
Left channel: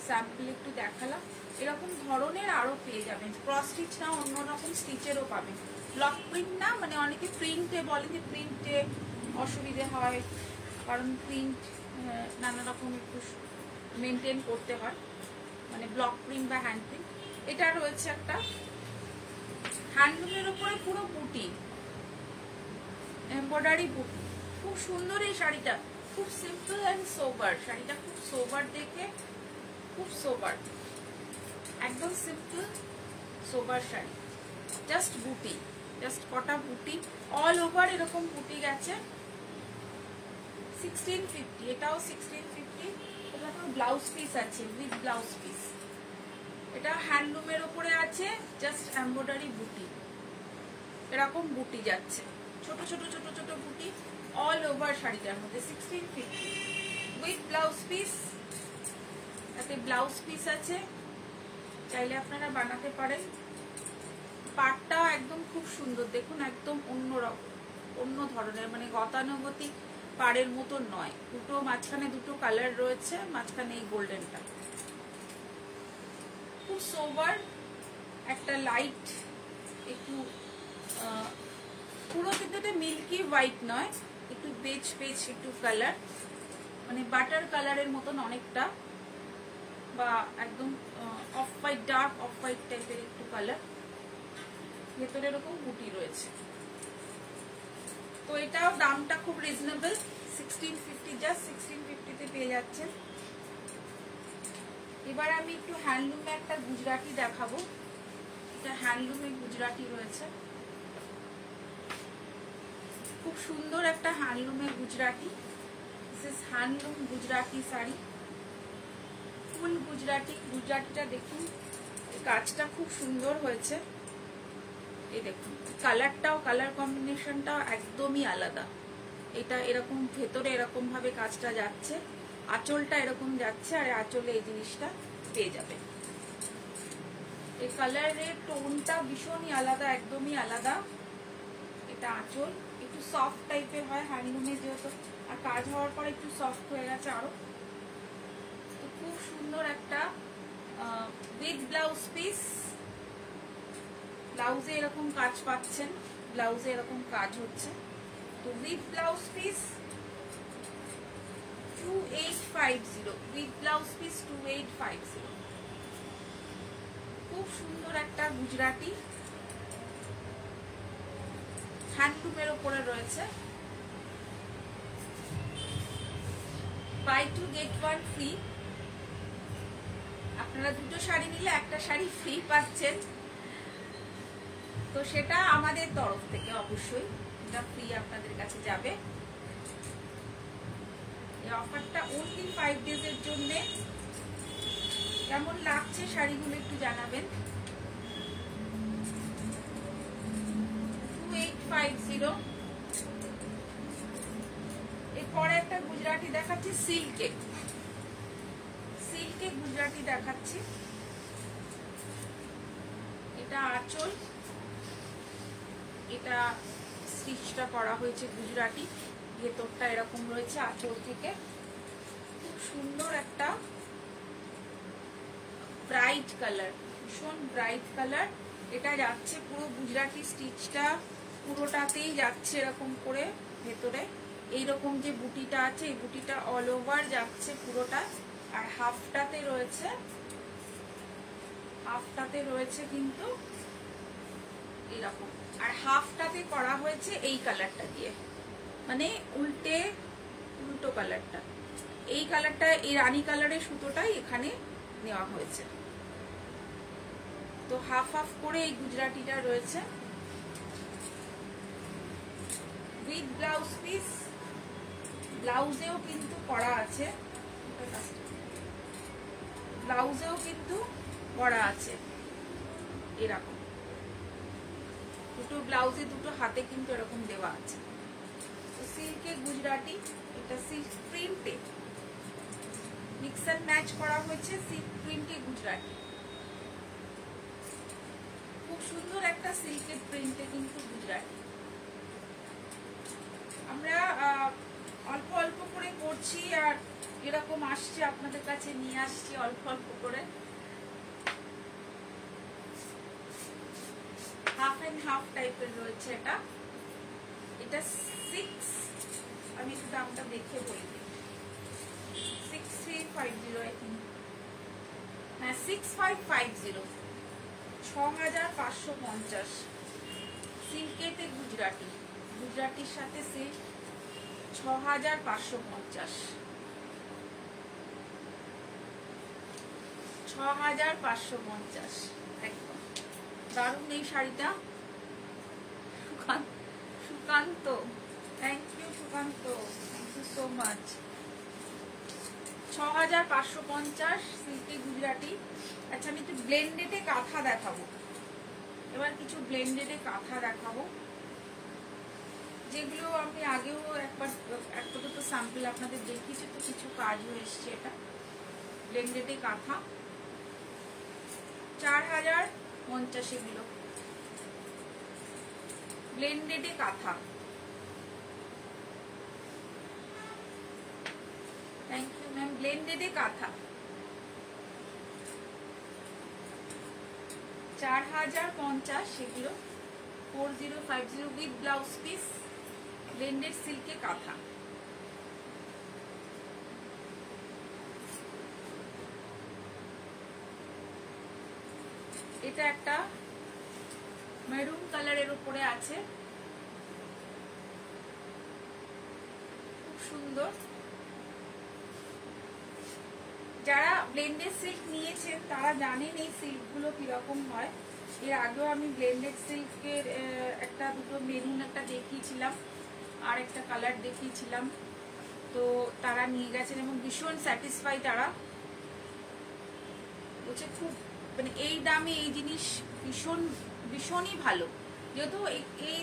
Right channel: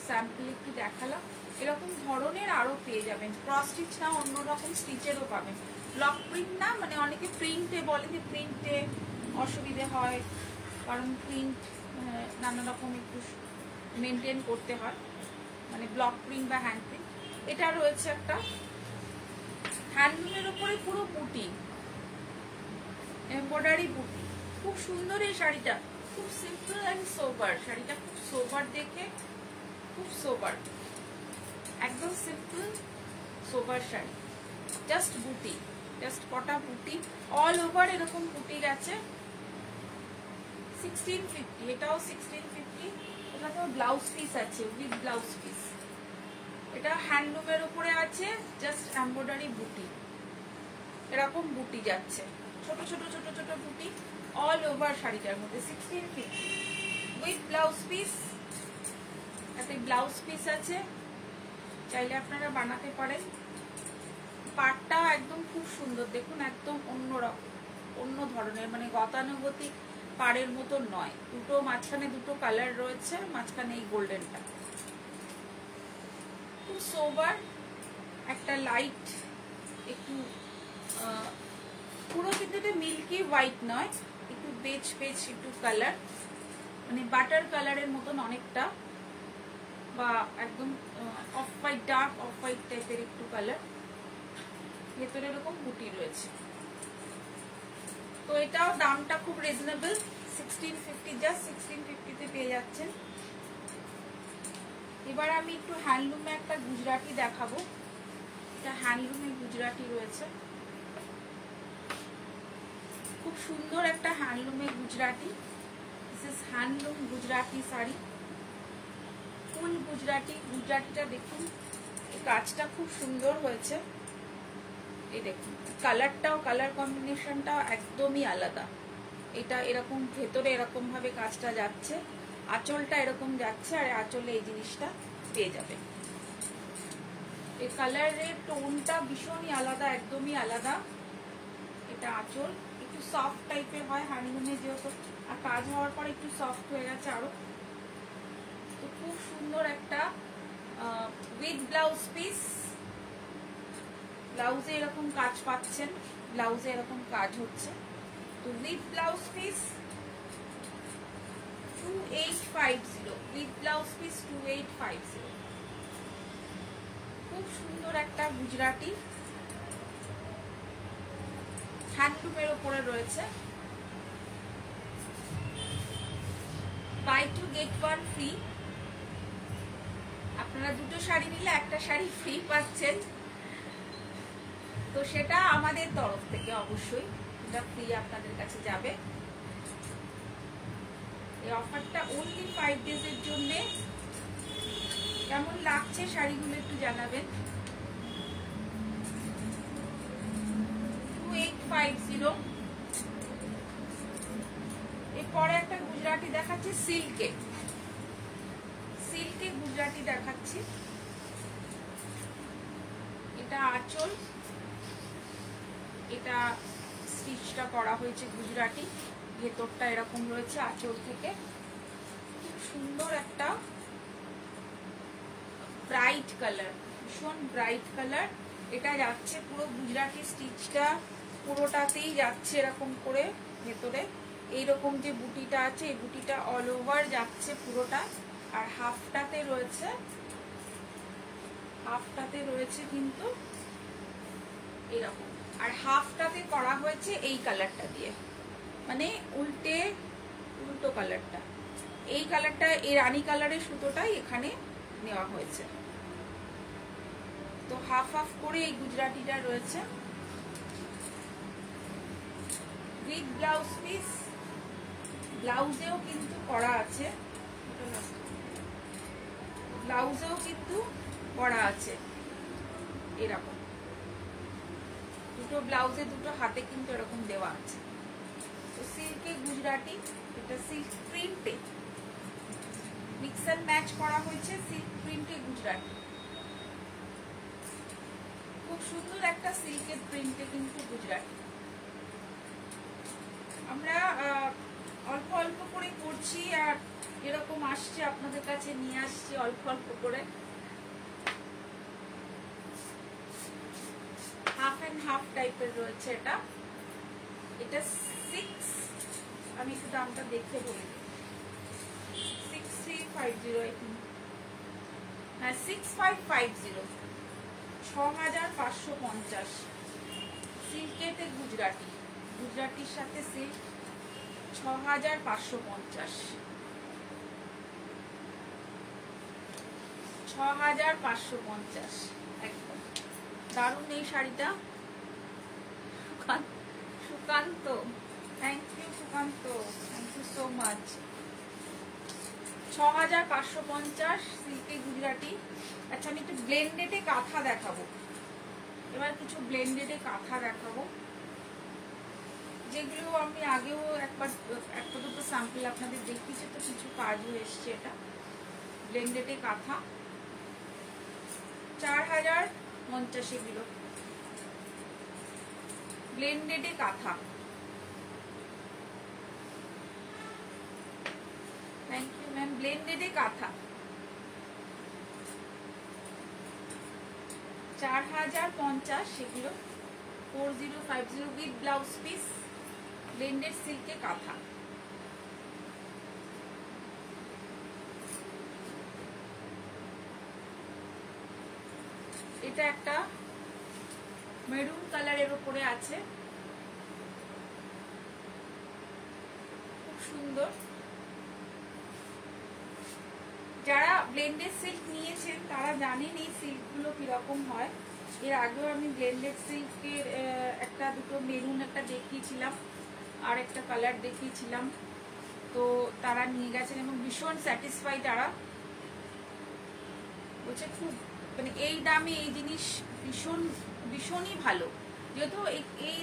স্যাম্পল একটু দেখালাম। এরকম ধরনের আরো পেয়ে যাবেন, ক্রস স্টিচ না, অন্যরকম স্টিচেরও পাবেন। ব্লক প্রিন্ট না, মানে অনেকে প্রিন্টে বলে যে প্রিন্টে অসুবিধে হয়, কারণ প্রিন্ট নানা রকম একটু মেনটেন করতে হয়, মানে ব্লক প্রিন্ট বা হ্যান্ড প্রিন্ট। এটা রয়েছে একটা হ্যান্ডলুমের উপরে পুরো বুটি, এমব্রয়ডারি বুটি, খুব সুন্দর এই শাড়িটা, খুব সিম্পল এন্ড সোবার। শাড়িটা খুব সোবার, দেখে খুব সোবার, একদম সিম্পল সোবার শাড়ি, জাস্ট বুটি, জাস্ট কটা বুটি অল ওভার এরকম বুটি গেছে। 1650, এটাও 1650। এটাতেও ব্লাউজ পিস আছে, উইথ ব্লাউজ পিস। এটা হ্যান্ডলুমের উপরে আছে, জাস্ট এমব্রয়ডারি বুটি, এরকম বুটি যাচ্ছে, ছোট ছোট ছোট ছোট বুটি অল ওভার শাড়িটার মধ্যে। 1650 উইথ ব্লাউজ পিস। এতে ব্লাউজ পিস আছে, চাইলে আপনারা বানাতে পারেন। পাটটাও একদম খুব সুন্দর, দেখুন একদম অন্যরকম, অন্য ধরনের, মানে গতানুগতিক পাড়ের মতো নয়। দুটো মাঝখানে দুটো কালার রয়েছে, মাঝখানে এই গোল্ডেনটা, খুব সোবার একটা লাইট, একটু পুরো কিন্তু মিল্কি হোয়াইট নয়, একটু বেজ বেজ একটু কালার, মানে বাটার কালারের মতন অনেকটা, বা একদম off white, dark off white টাইপের একটু কালার। ভেতরে এরকম বুটি রয়েছে। তো এটাও দামটা খুব রিজনেবল, 1650, জাস্ট 1650 পেয়ে যাচ্ছেন। এবার আমি একটু হ্যান্ডলুমে একটা গুজরাটি দেখাবো। এটা হ্যান্ডলুমে গুজরাটি রয়েছে, খুব সুন্দর একটা হ্যান্ডলুমের Gujarati. This is handloom Gujarati sari, full Gujarati. গুজরাটিটা দেখুন, এই কাজটা খুব সুন্দর হয়েছে। এই দেখুন কালারটাও, কালার কম্বিনেশনটাও একদমই আলাদা। এটা এরকম ভেতরে এরকম ভাবে কাজটা যাচ্ছে, আঁচলটা এরকম যাচ্ছে, আর আঁচলে এই জিনিসটা পেয়ে যাবে। এই কালারের টোনটা ভীষণই আলাদা, একদমই আলাদা। এটা আঁচল একটু সফট টাইপের হয় হ্যান্ডলুমে, যেহেতু আর কাজ হওয়ার পর একটু সফট হয়ে গেছে আরো। খুব সুন্দর একটা উইথ ব্লাউজ পিস। ব্লাউজে এরকম কাজ পাচ্ছেন, ব্লাউজে এরকম কাজ হচ্ছে। তো with blouse piece 2850, with blouse piece 2850। খুব সুন্দর একটা গুজরাটি হ্যান্ডলুমের ওপরে রয়েছে। Buy 2 get 1 free. আপনারা দুটো শাড়ি নিলে একটা শাড়ি ফ্রি পাচ্ছেন, তো সেটা আমাদের তরফ থেকে অবশ্যই এটা ফ্রি আপনাদের কাছে যাবে। এই অফারটা অনলি 5 days এর জন্য। কেমন লাগছে শাড়িগুলো একটু জানাবেন। 2850। এরপরে একটা গুজরাটি দেখাচ্ছি সিল্কে। সিল্কে গুজরাটি দেখাচ্ছি। এটা আঁচল, এটা স্টিচটা করা হয়েছে গুজরাটি, ভেতরটা এরকম রয়েছে আঁচল থেকে। খুব সুন্দর একটা ব্রাইট কালার, ভীষণ ব্রাইট কালার। এটা যাচ্ছে পুরো গুজরাটি স্টিচটা পুরোটাতেই যাচ্ছে এরকম করে ভেতরে। এইরকম যে বুটিটা আছে এই বুটিটা অল ওভার যাচ্ছে পুরোটা। আর হাফটাতে রয়েছে কিন্তু এরকম, আর হাফটাতে করা হয়েছে এই কালারটা দিয়ে, মানে উল্টো কালারটা। এই কালারটা, এই রানী কালারের সুতোটাই এখানে নেওয়া হয়েছে। তো হাফ হাফ করে এই গুজরাটিটা রয়েছে উইথ ব্লাউজ পিস। ব্লাউজেও কিন্তু করা আছে, ব্লাউজেও কিন্তু করা আছে এরকম। দুটো ব্লাউজে দুটো হাতে কিন্তু এরকম দেওয়া আছে। সিল্কে গুজরাটি, এটা সিল্ক প্রিন্টে মিক্স এন্ড ম্যাচ করা হয়েছে। সিল্ক প্রিন্টে গুজরাটি, খুব সুন্দর একটা সিল্কের প্রিন্টে কিন্তু গুজরাটি। আমরা অল্প অল্প করে করছি আর এরকম আসছে, আপনাদের কাছে নিয়ে আসছি অল্প অল্প করে। হাফ এন্ড হাফ টাইপের রয়েছে এটা। এটা 6, আমি একটু দামটা দেখে বলি, 6350, হ্যাঁ 6550, 6550। সিল্কেতে গুজরাটি, গুজরাটির সাথে সিল্ক 6550, 6550 একদম দারুণ এই শাড়িটা। Sukanta, thank you Sukanta, thank you so much. 6550 সিল্কে গুজরাটি। আচ্ছা, আমি একটু ব্লেন্ডেডে কাঁথা দেখাবো এবার, কিছু ব্লেন্ডেডে কাঁথা দেখাবো, যেগুলো আমি আগেও একবার একটা দুটো স্যাম্পল আপনাদের দেখিয়েছি, তো কিছু কাজও এসছে। এটা ব্লেন্ডেডে কাঁথা 4050 এগুলো ব্লেন্ডেডে কাঁথা। Thank you ma'am. ব্লেন্ডেডে কাঁথা 4050 সেগুলো, 4050 উইথ ব্লাউজ পিস, ব্লেন্ডেড সিল্কে কাঁথা। এটা একটা মেরুন কালারের উপরে আছে, খুব সুন্দর। যারা ব্লেন্ডেড সিল্ক নিয়েছেন তারা জানেন এই সিল্কগুলো কিরকম হয়। এর আগেও আমি ব্লেন্ডেড সিল্কের একটা দুটো মেরুন একটা দেখিয়েছিলাম, আর একটা কালার দেখিয়েছিলাম, তো তারা নিয়ে গেছেন এবং ভীষণ স্যাটিসফাই। তারা বলছে খুব, মানে এই দামে এই জিনিস ভীষণই ভালো। যেহেতু এই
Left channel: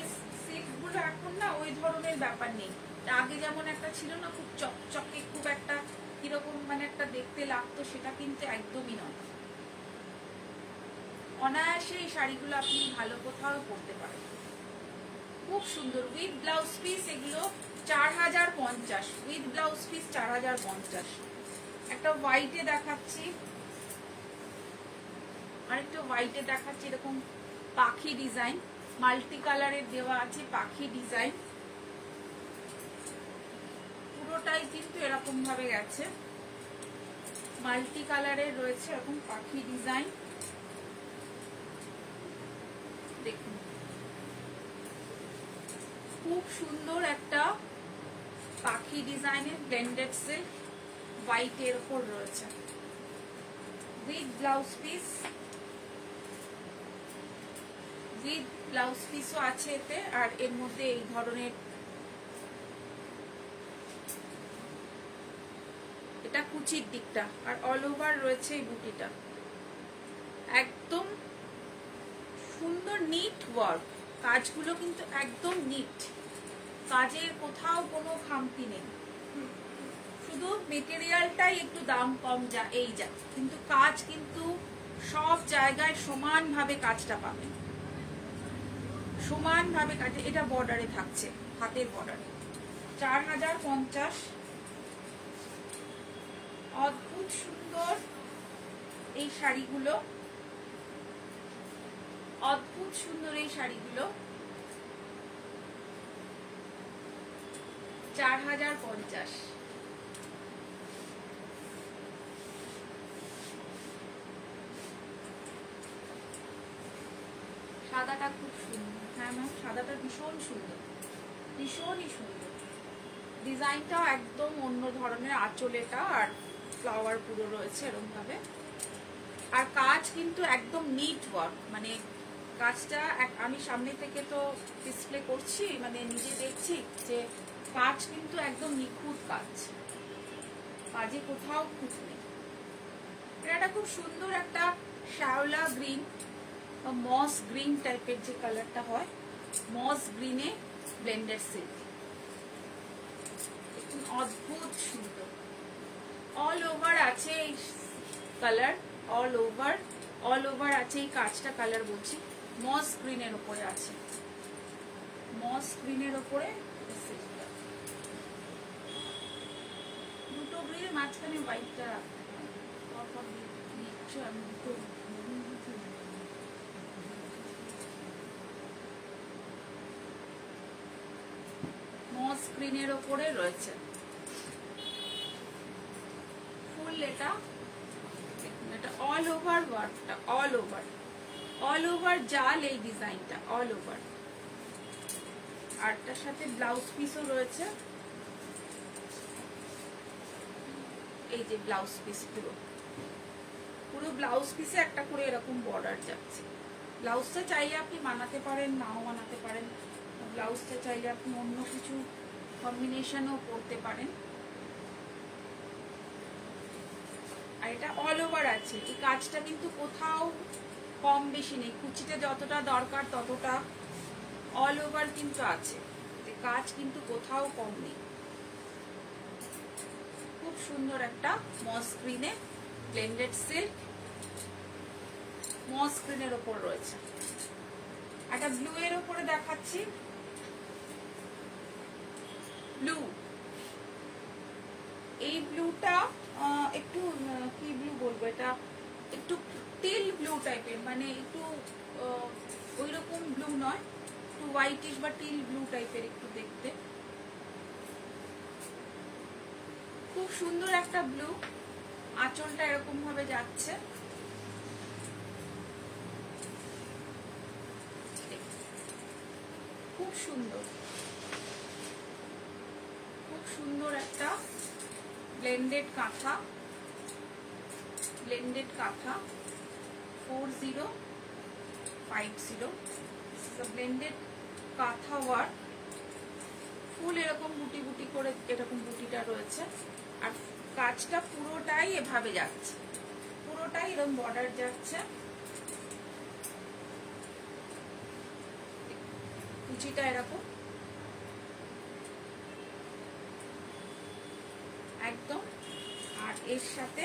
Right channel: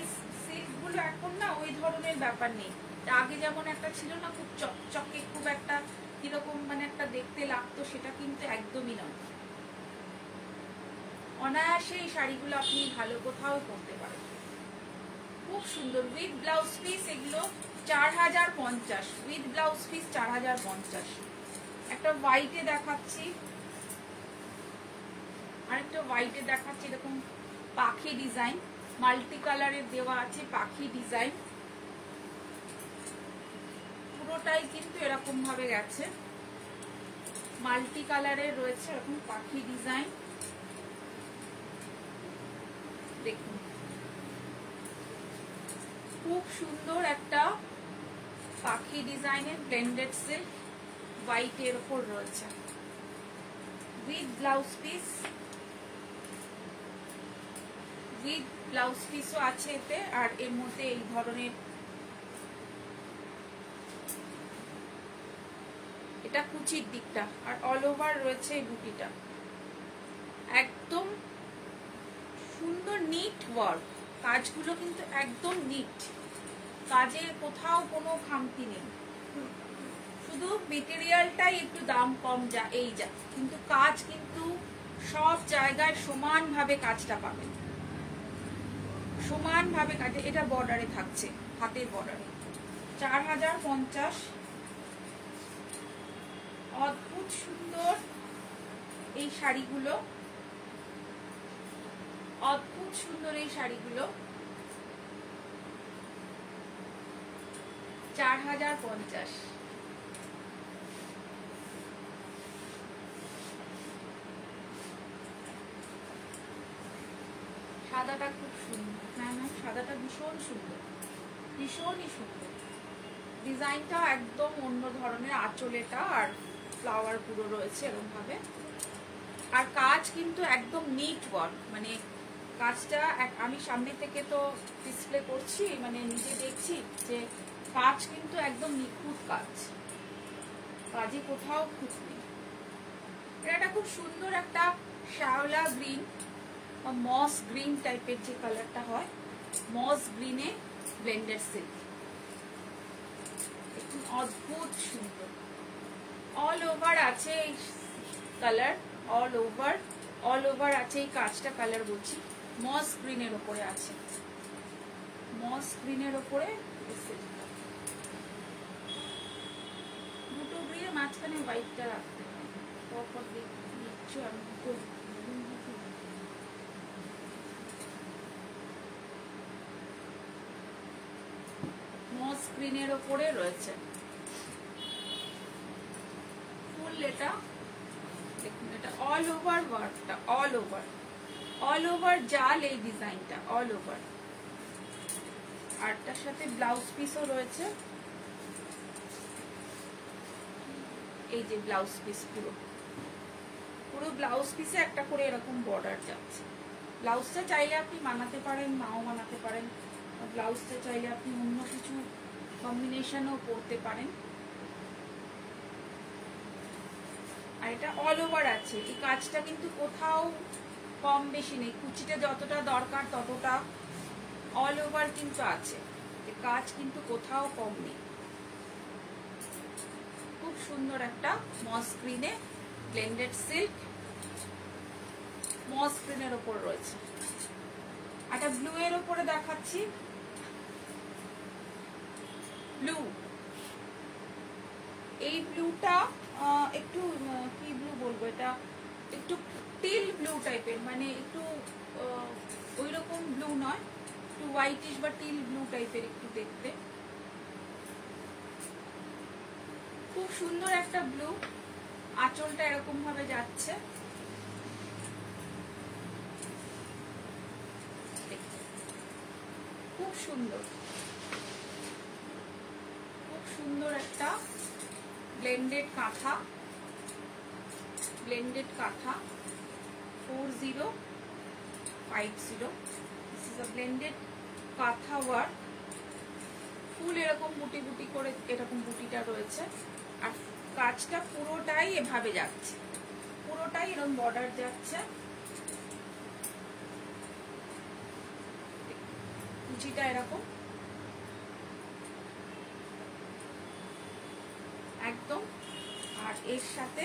সিল্কগুলো এখন না ওই ধরনের ব্যাপার নেই, আগে যেমন একটা ছিল না খুব চকচকে, খুব একটা কিরকম মানে একটা দেখতে লাগতো, সেটা কিন্তু একদমই নয়। অনায়াসে এই শাড়িগুলো আপনি ভালো কোথাও পরতে পারেন, খুব সুন্দর। উইথ ব্লাউজ পিস এগুলো 4050, উইথ ব্লাউজ পিস 4050। একটা হোয়াইটে দেখাচ্ছি, আরেকটা হোয়াইটে দেখাচ্ছি, এরকম পাখি ডিজাইন, মাল্টি কালারের দেওয়া আছে পাখি ডিজাইন, পুরোটাই কিন্তু এরকম ভাবে গেছে, মাল্টি কালারের রয়েছে এরকম পাখি ডিজাইন। দেখুন খুব সুন্দর একটা পাখি ডিজাইনের ব্লেন্ডেড সিল্ক, হোয়াইটের ওপর রয়েছে, with blouse piece, with blouse পিসও আছে এতে। আর এর মধ্যে এই ধরনের, এটা কুচির দিকটা, আর অল ওভার রয়েছে এই বুটিটা। একদম সুন্দর নিট ওয়ার্ক, কাজগুলো কিন্তু একদম নিট, কাজের কোথাও কোনো খামতি নেই। শুধু মেটেরিয়ালটাই একটু দাম কম যা, কিন্তু কাজ কিন্তু সব জায়গায় সমানভাবে কাজটা পাবেন, সমানভাবে কাজ। এটা বর্ডারে থাকছে, হাতের বর্ডারে। 4050। অদ্ভুত সুন্দর এই শাড়িগুলো, অদ্ভুত সুন্দর এই শাড়িগুলো। 4050। সাদাটা খুব সুন্দর। হ্যাঁ ম্যাম, সাদাটা ভীষণ সুন্দর, ভীষণই সুন্দর। ডিজাইনটাও একদম অন্য ধরনের, আঁচলেটা আর ফ্লাওয়ার পুরো রয়েছে এরকম ভাবে। আর কাজ কিন্তু একদম নিট ওয়ার্ক, মানে কাজটা আমি সামনে থেকে তো ডিসপ্লে করছি, মানে নিজে দেখছি যে কাজ কিন্তু একদম নিখুঁত কাজ, কাজে কোথাও খুঁত নেই। এটা খুব সুন্দর একটা শ্যাওলা গ্রিন বা মস গ্রিন টাইপের যে কালারটা হয়, মস গ্রিনে ব্লেন্ডেড সিল্ক, একদম অদ্ভুত সুন্দর। অল ওভার আছে এই কালার, অল ওভার আছে এই কাজটা, কালার বলছি মস গ্রিনের উপরে আছে, মস গ্রিনের উপরে দুটো গ্রিনের মাঝখানে হোয়াইটটা রাখতে হয়। মস গ্রিনের উপরে রয়েছে ফুল। এটা দেখুন, এটা অল ওভার ওয়ার্কটা, অল ওভার জাল এই ডিজাইনটা, অল ওভার। আর তার সাথে ব্লাউজ পিসও রয়েছে, এই যে ব্লাউজ পিস, পুরো ব্লাউজ পিসে একটা করে এরকম বর্ডার যাচ্ছে। ব্লাউজটা চাইলে আপনি বানাতে পারেন, নাও বানাতে পারেন। ব্লাউজটা চাইলে আপনি অন্য কিছু কম্বিনেশনও করতে পারেন। আর এটা অল ওভার আছে, এই কাজটা কিন্তু কোথাও কম বেশি নেই, কুচিতে যতটা দরকার ততটা অল ওভার কিন্তু আছে, কাজ কিন্তু কোথাও কম নেই। খুব সুন্দর একটা মস গ্রিনে ব্লেন্ডেড সিল্ক, মস গ্রিনের ওপর রয়েছে। একটা ব্লু এর উপরে দেখাচ্ছি, ব্লু। এই ব্লুটা একটু কি ব্লু বলবো, এটা একটু টিল ব্লু টাইপের, মানে একটু ওই রকম ব্লু নয়, একটু হোয়াইটিশ বা টিল ব্লু টাইপের একটু দেখতে। খুব সুন্দর একটা ব্লু, আঁচলটা এরকম ভাবে যাচ্ছে, খুব সুন্দর, খুব সুন্দর একটা ব্লেন্ডেড কাঁথা, ব্লেন্ডেড কাঁথা 4050। This is a blended কাঁথা ওয়ার্ক। ফুল এরকম বুটি বুটি করে এরকম বুটিটা রয়েছে, আর কাজটা পুরোটাই এভাবে যাচ্ছে, পুরোটাই এরকম বর্ডার যাচ্ছে। কুচিটা এরকম একদম, আর এর সাথে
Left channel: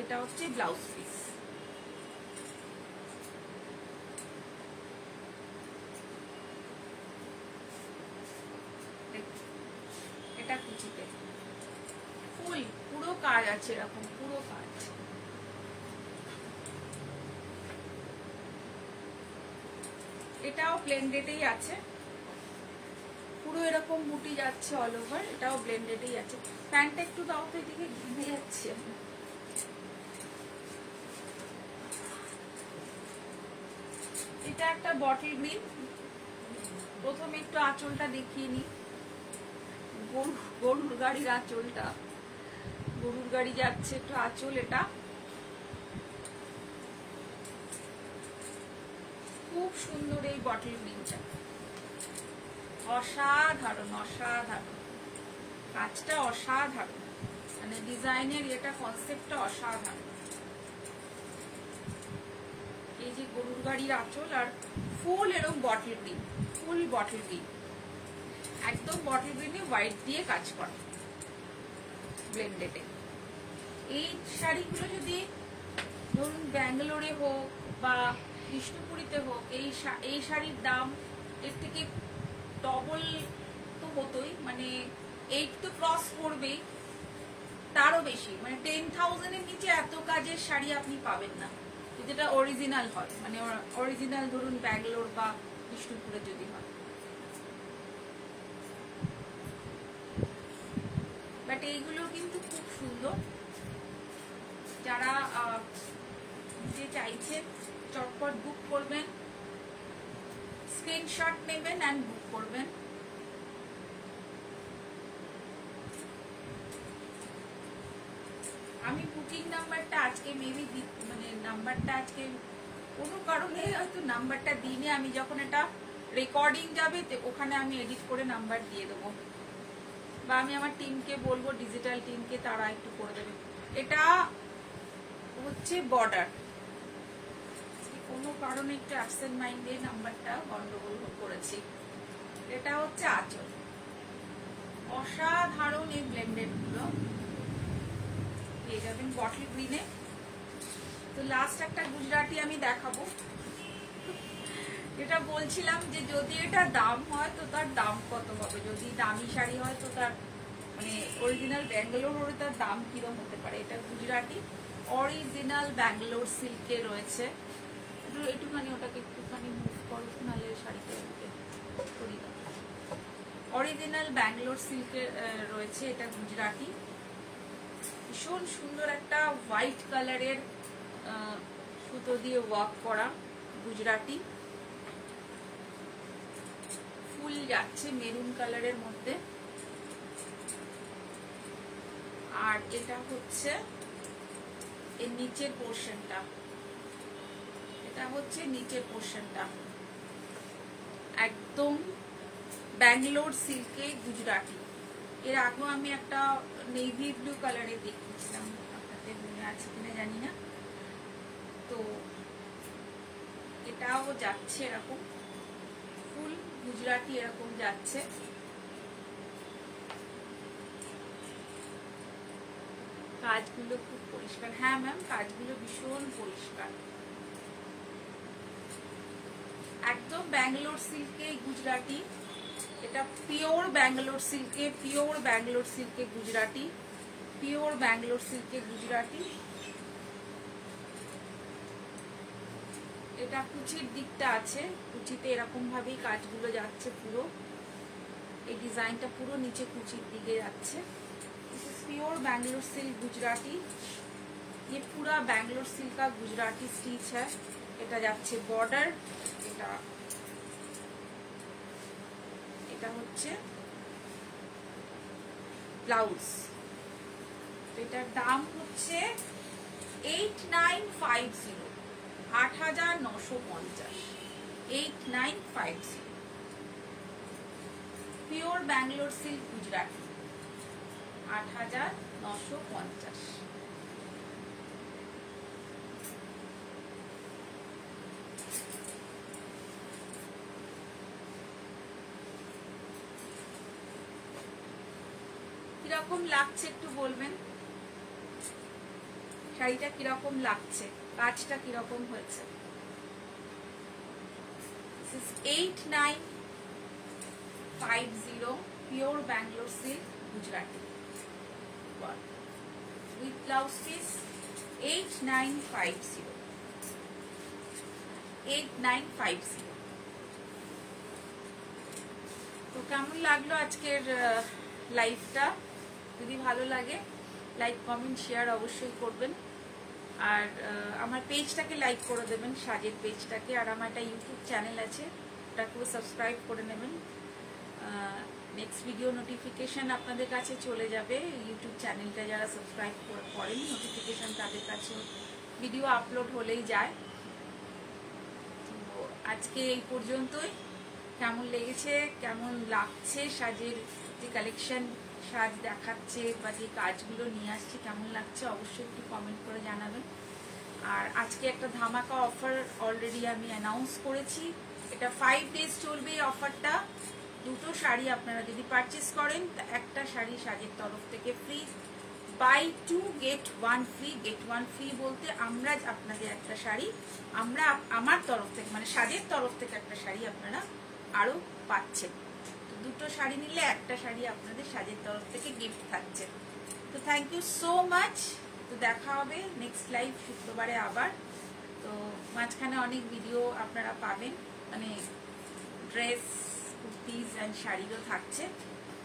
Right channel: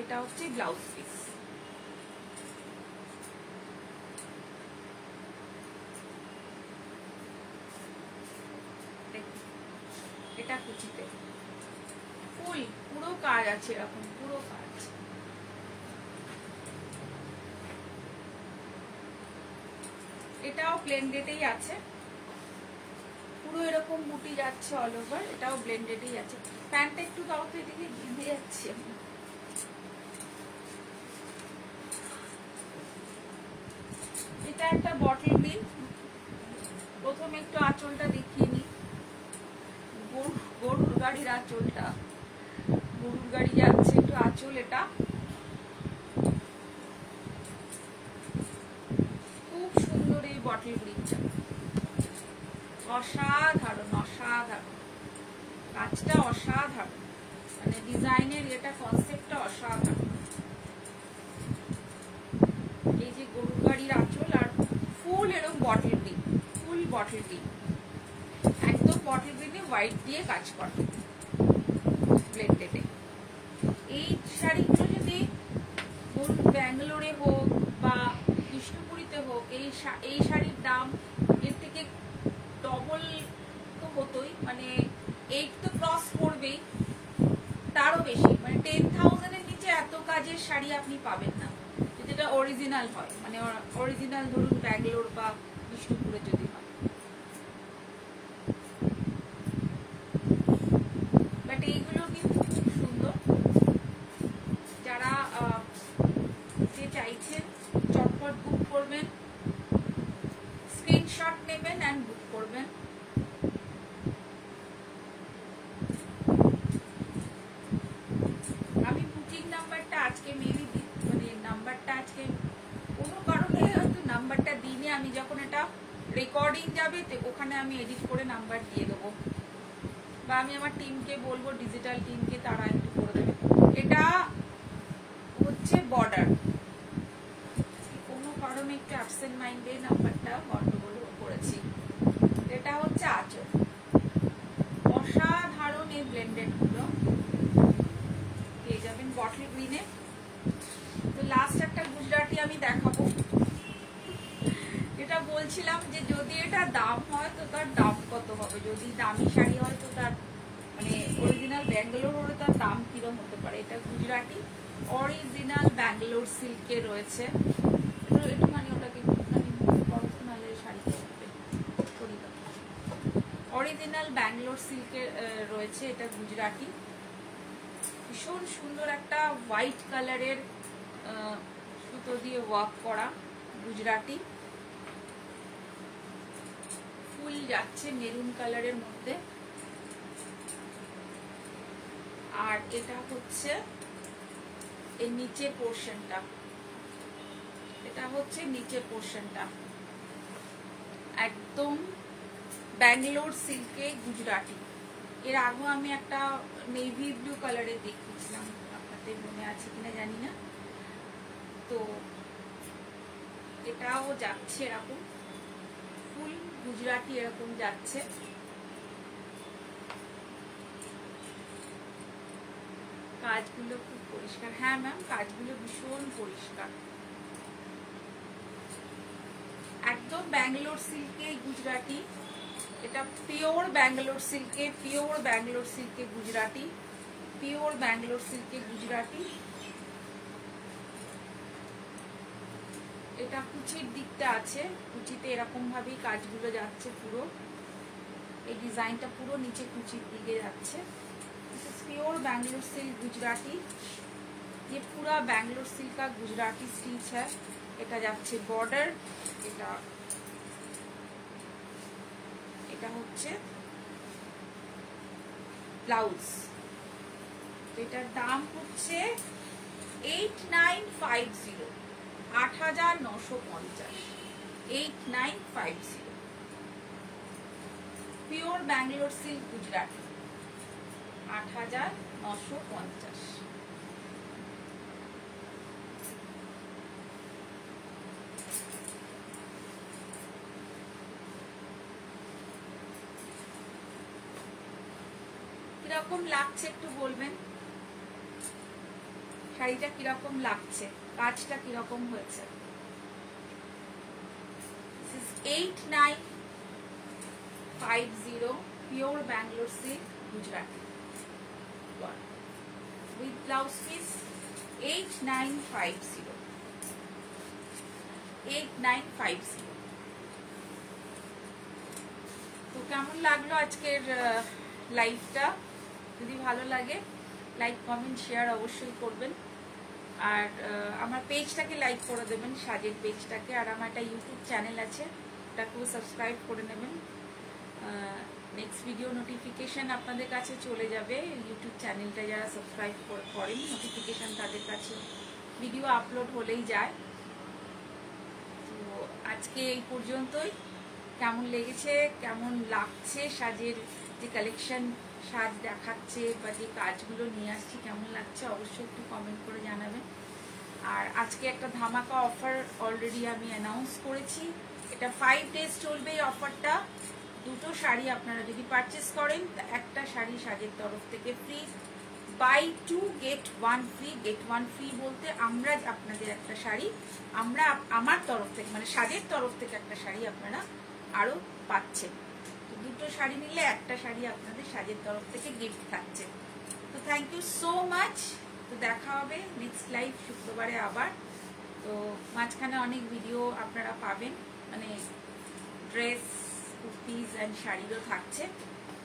এটা হচ্ছে ব্লাউজ পিস। এটা কুচিতে ফুল পুরো কাজ আছে, এরকম পুরো কাজ। এটাও ব্লেন্ডেডই আছে, পুরো এরকম বুটি যাচ্ছে অল ওভার, এটাও ব্লেন্ডেডই আছে। প্যান্টটা একটু দাও তো, এদিকে ঘিরে যাচ্ছে। এটা একটা বটল গ্রিন। প্রথমে একটু আঁচলটা দেখিয়ে নি, গরুর গাড়ির আঁচলটা, গরুর গাড়ি যাচ্ছে একটু আঁচল, এটা খুব সুন্দর। এই বটল গ্রিনটা অসাধারণ, অসাধারণ কাজটা, অসাধারণ, মানে ডিজাইনের এটা কনসেপ্টটা অসাধারণ। এই যে গরুর গাড়ির আঁচল আর ফুল এরকম bottle green, full bottle green, একদম বটল গ্রিনে হোয়াইট দিয়ে কাজ করে ব্লেন্ডেডে। এই শাড়িগুলো যদি ধরুন ব্যাঙ্গালোরে হোক বা বিষ্ণুপুরীতে হোক, এই শাড়ির দাম এর থেকে ডবল তো হতোই, মানে 8 তো ক্রস করবেই, তারও বেশি, মানে 10,000 এর নিচে এত কাজের শাড়ি আপনি পাবেন না, যদি এটা অরিজিনাল হয়, মানে অরিজিনাল ধরুন ব্যাঙ্গালোর বা বিষ্ণুপুরে যদি হয়। বাট এইগুলো কিন্তু খুব সুন্দর। যারা যে চাইছেন চটপট বুক করবেন, স্ক্রিনশট নেবেন এন্ড বুক করবেন। আমি বুকিং নাম্বারটা আজকে মেবি মানে নাম্বারটা আজকে কোনো কারণে হয়তো নাম্বারটা দিইনি, আমি যখন এটা রেকর্ডিং যাবে ওখানে আমি এডিট করে নাম্বার দিয়ে দেবো, বা আমি আমার টিমকে বলবো, ডিজিটাল টিমকে, তারা একটু করে দেবে। এটা হচ্ছে বর্ডার, কোনো কারণে একটু অ্যাবসেন্ট মাইন্ডে নাম্বারটা গন্ডগোল করেছি। এটা হচ্ছে আঁচল, অসাধারণ এই ব্লেন্ডেড গুলো পেয়ে যাবেন বটল গ্রিনে। তো লাস্ট একটা গুজরাটি আমি দেখাবো। এটা বলছিলাম যে যদি এটা দাম হয় তো তার দাম কত হবে, যদি দামি শাড়ি হয় তো তার মানে অরিজিনাল ব্যাঙ্গালোর হলে তার দাম কিরম হতে পারে। এটা গুজরাটি অরিজিনাল ব্যাঙ্গালোর সিল্কে রয়েছে, একটুখানি ওটাকে একটুখানি নাহলে শাড়িটা অরিজিনাল ব্যাঙ্গালোর সিল্কে রয়েছে। এটা গুজরাটি, ভীষণ সুন্দর একটা হোয়াইট কালারের সুতো দিয়ে ওয়ার্ক করা গুজরাটি, ফুল যাচ্ছে মেরুন কালারের মধ্যে। আর এটা হচ্ছে এর নিচের পোর্শনটা, এটা হচ্ছে নিচের পোর্শনটা একদম ব্যাঙ্গালোর সিল্কে গুজরাটি। এর আগে আমি একটা নেভি ব্লু কালারে দেখিয়েছিলাম, আপনাদের মনে আছে কিনা জানি না। তো এটাও যাচ্ছে এরকম ফুল গুজরাটি, এরকম যাচ্ছে। কাজগুলো খুব পরিষ্কার, হ্যাঁ ম্যাম কাজগুলো ভীষণ পরিষ্কার, একদম ব্যাঙ্গালোর সিল্কে গুজরাটি। এটা পিওর ব্যাঙ্গালোর সিল্কে, পিওর ব্যাঙ্গালোর সিল্কে গুজরাটি, পিওর ব্যাঙ্গালোর সিল্কে গুজরাটি। এটা কুচির দিকটা আছে, কুচিতে এরকম ভাবেই কাজগুলো যাচ্ছে, পুরো এই ডিজাইনটা পুরো নিচে কুচির দিকে যাচ্ছে। प्योर बैंगलोर सिल्क गुजराती, ये पूरा बैंगलोर सिल्क का गुजराती स्टिच है। এটা যাচ্ছে বর্ডার, এটা হচ্ছে ব্লাউজ। এটার দাম হচ্ছে 8950, 8950, 8950 পিওর ব্যাঙ্গালোর সিল্ক গুজরাটি, 8950। কিরকম লাগছে একটু বলবেন, শাড়িটা কিরকম লাগছে, কাজটা কিরকম হয়েছে। 8950 pure Bangalore silk Gujarati with blouse piece, 8950, 8950। তো কেমন লাগলো আজকের লাইভটা? যদি ভালো লাগে লাইক কমেন্ট শেয়ার অবশ্যই করবেন, আর আমার পেজটাকে লাইক করে দেবেন, সাজের পেজটাকে। আর আমার একটা ইউটিউব চ্যানেল আছে, ওটাকেও সাবস্ক্রাইব করে নেবেন। নেক্সট ভিডিও নোটিফিকেশন আপনাদের কাছে চলে যাবে। ইউটিউব চ্যানেলটা যারা সাবস্ক্রাইব করেন নোটিফিকেশন তাদের কাছে ভিডিও আপলোড হলেই যায়। তো আজকে এই পর্যন্তই। কেমন লেগেছে, কেমন লাগছে সাজের যে কালেকশন সাজ দেখাচ্ছে বা যে কাজগুলো নিয়ে আসছি কেমন লাগছে অবশ্যই একটু কমেন্ট করে জানাবেন। আর আজকে একটা ধামাকা অফার অলরেডি আমি অ্যানাউন্স করেছি, এটা 5 ডেজ চলবে এই অফারটা। দুটো শাড়ি আপনারা যদি পারচেস করেন একটা শাড়ি সাজের তরফ থেকে free, buy 2 gate 1 free. Gate 1 free বলতে আমরা আপনাদের একটা শাড়ি আমার তরফ থেকে মানে সাজের তরফ থেকে একটা শাড়ি আপনারা আরো পাচ্ছেন। তো দুটো শাড়ি নিলে একটা শাড়ি আপনাদের সাজের তরফ থেকে গিফট থাকছে। তো থ্যাংক ইউ সো মাচ। তো দেখা হবে নেক্সট লাইভ শুক্রবারে আবার। তো মাঝখানে অনেক ভিডিও আপনারা পাবেন, মানে ড্রেস, কুর্তিজ অ্যান্ড শাড়িরও থাকছে।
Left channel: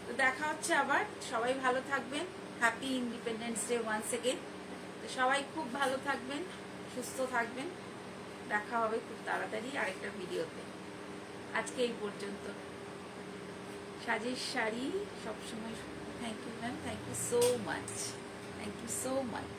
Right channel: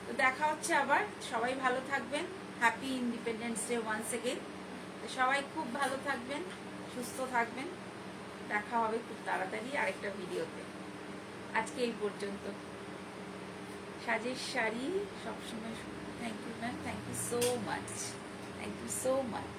তো দেখা হচ্ছে আবার। সবাই ভালো থাকবেন। Happy independence day once again. তো সবাই খুব ভালো থাকবেন, সুস্থ থাকবেন। দেখা হবে খুব তাড়াতাড়ি আরেকটা ভিডিওতে। আজকে এই পর্যন্ত। সাজের শাড়ি সবসময়। Thank you ma'am, thank you so much, thank you so much.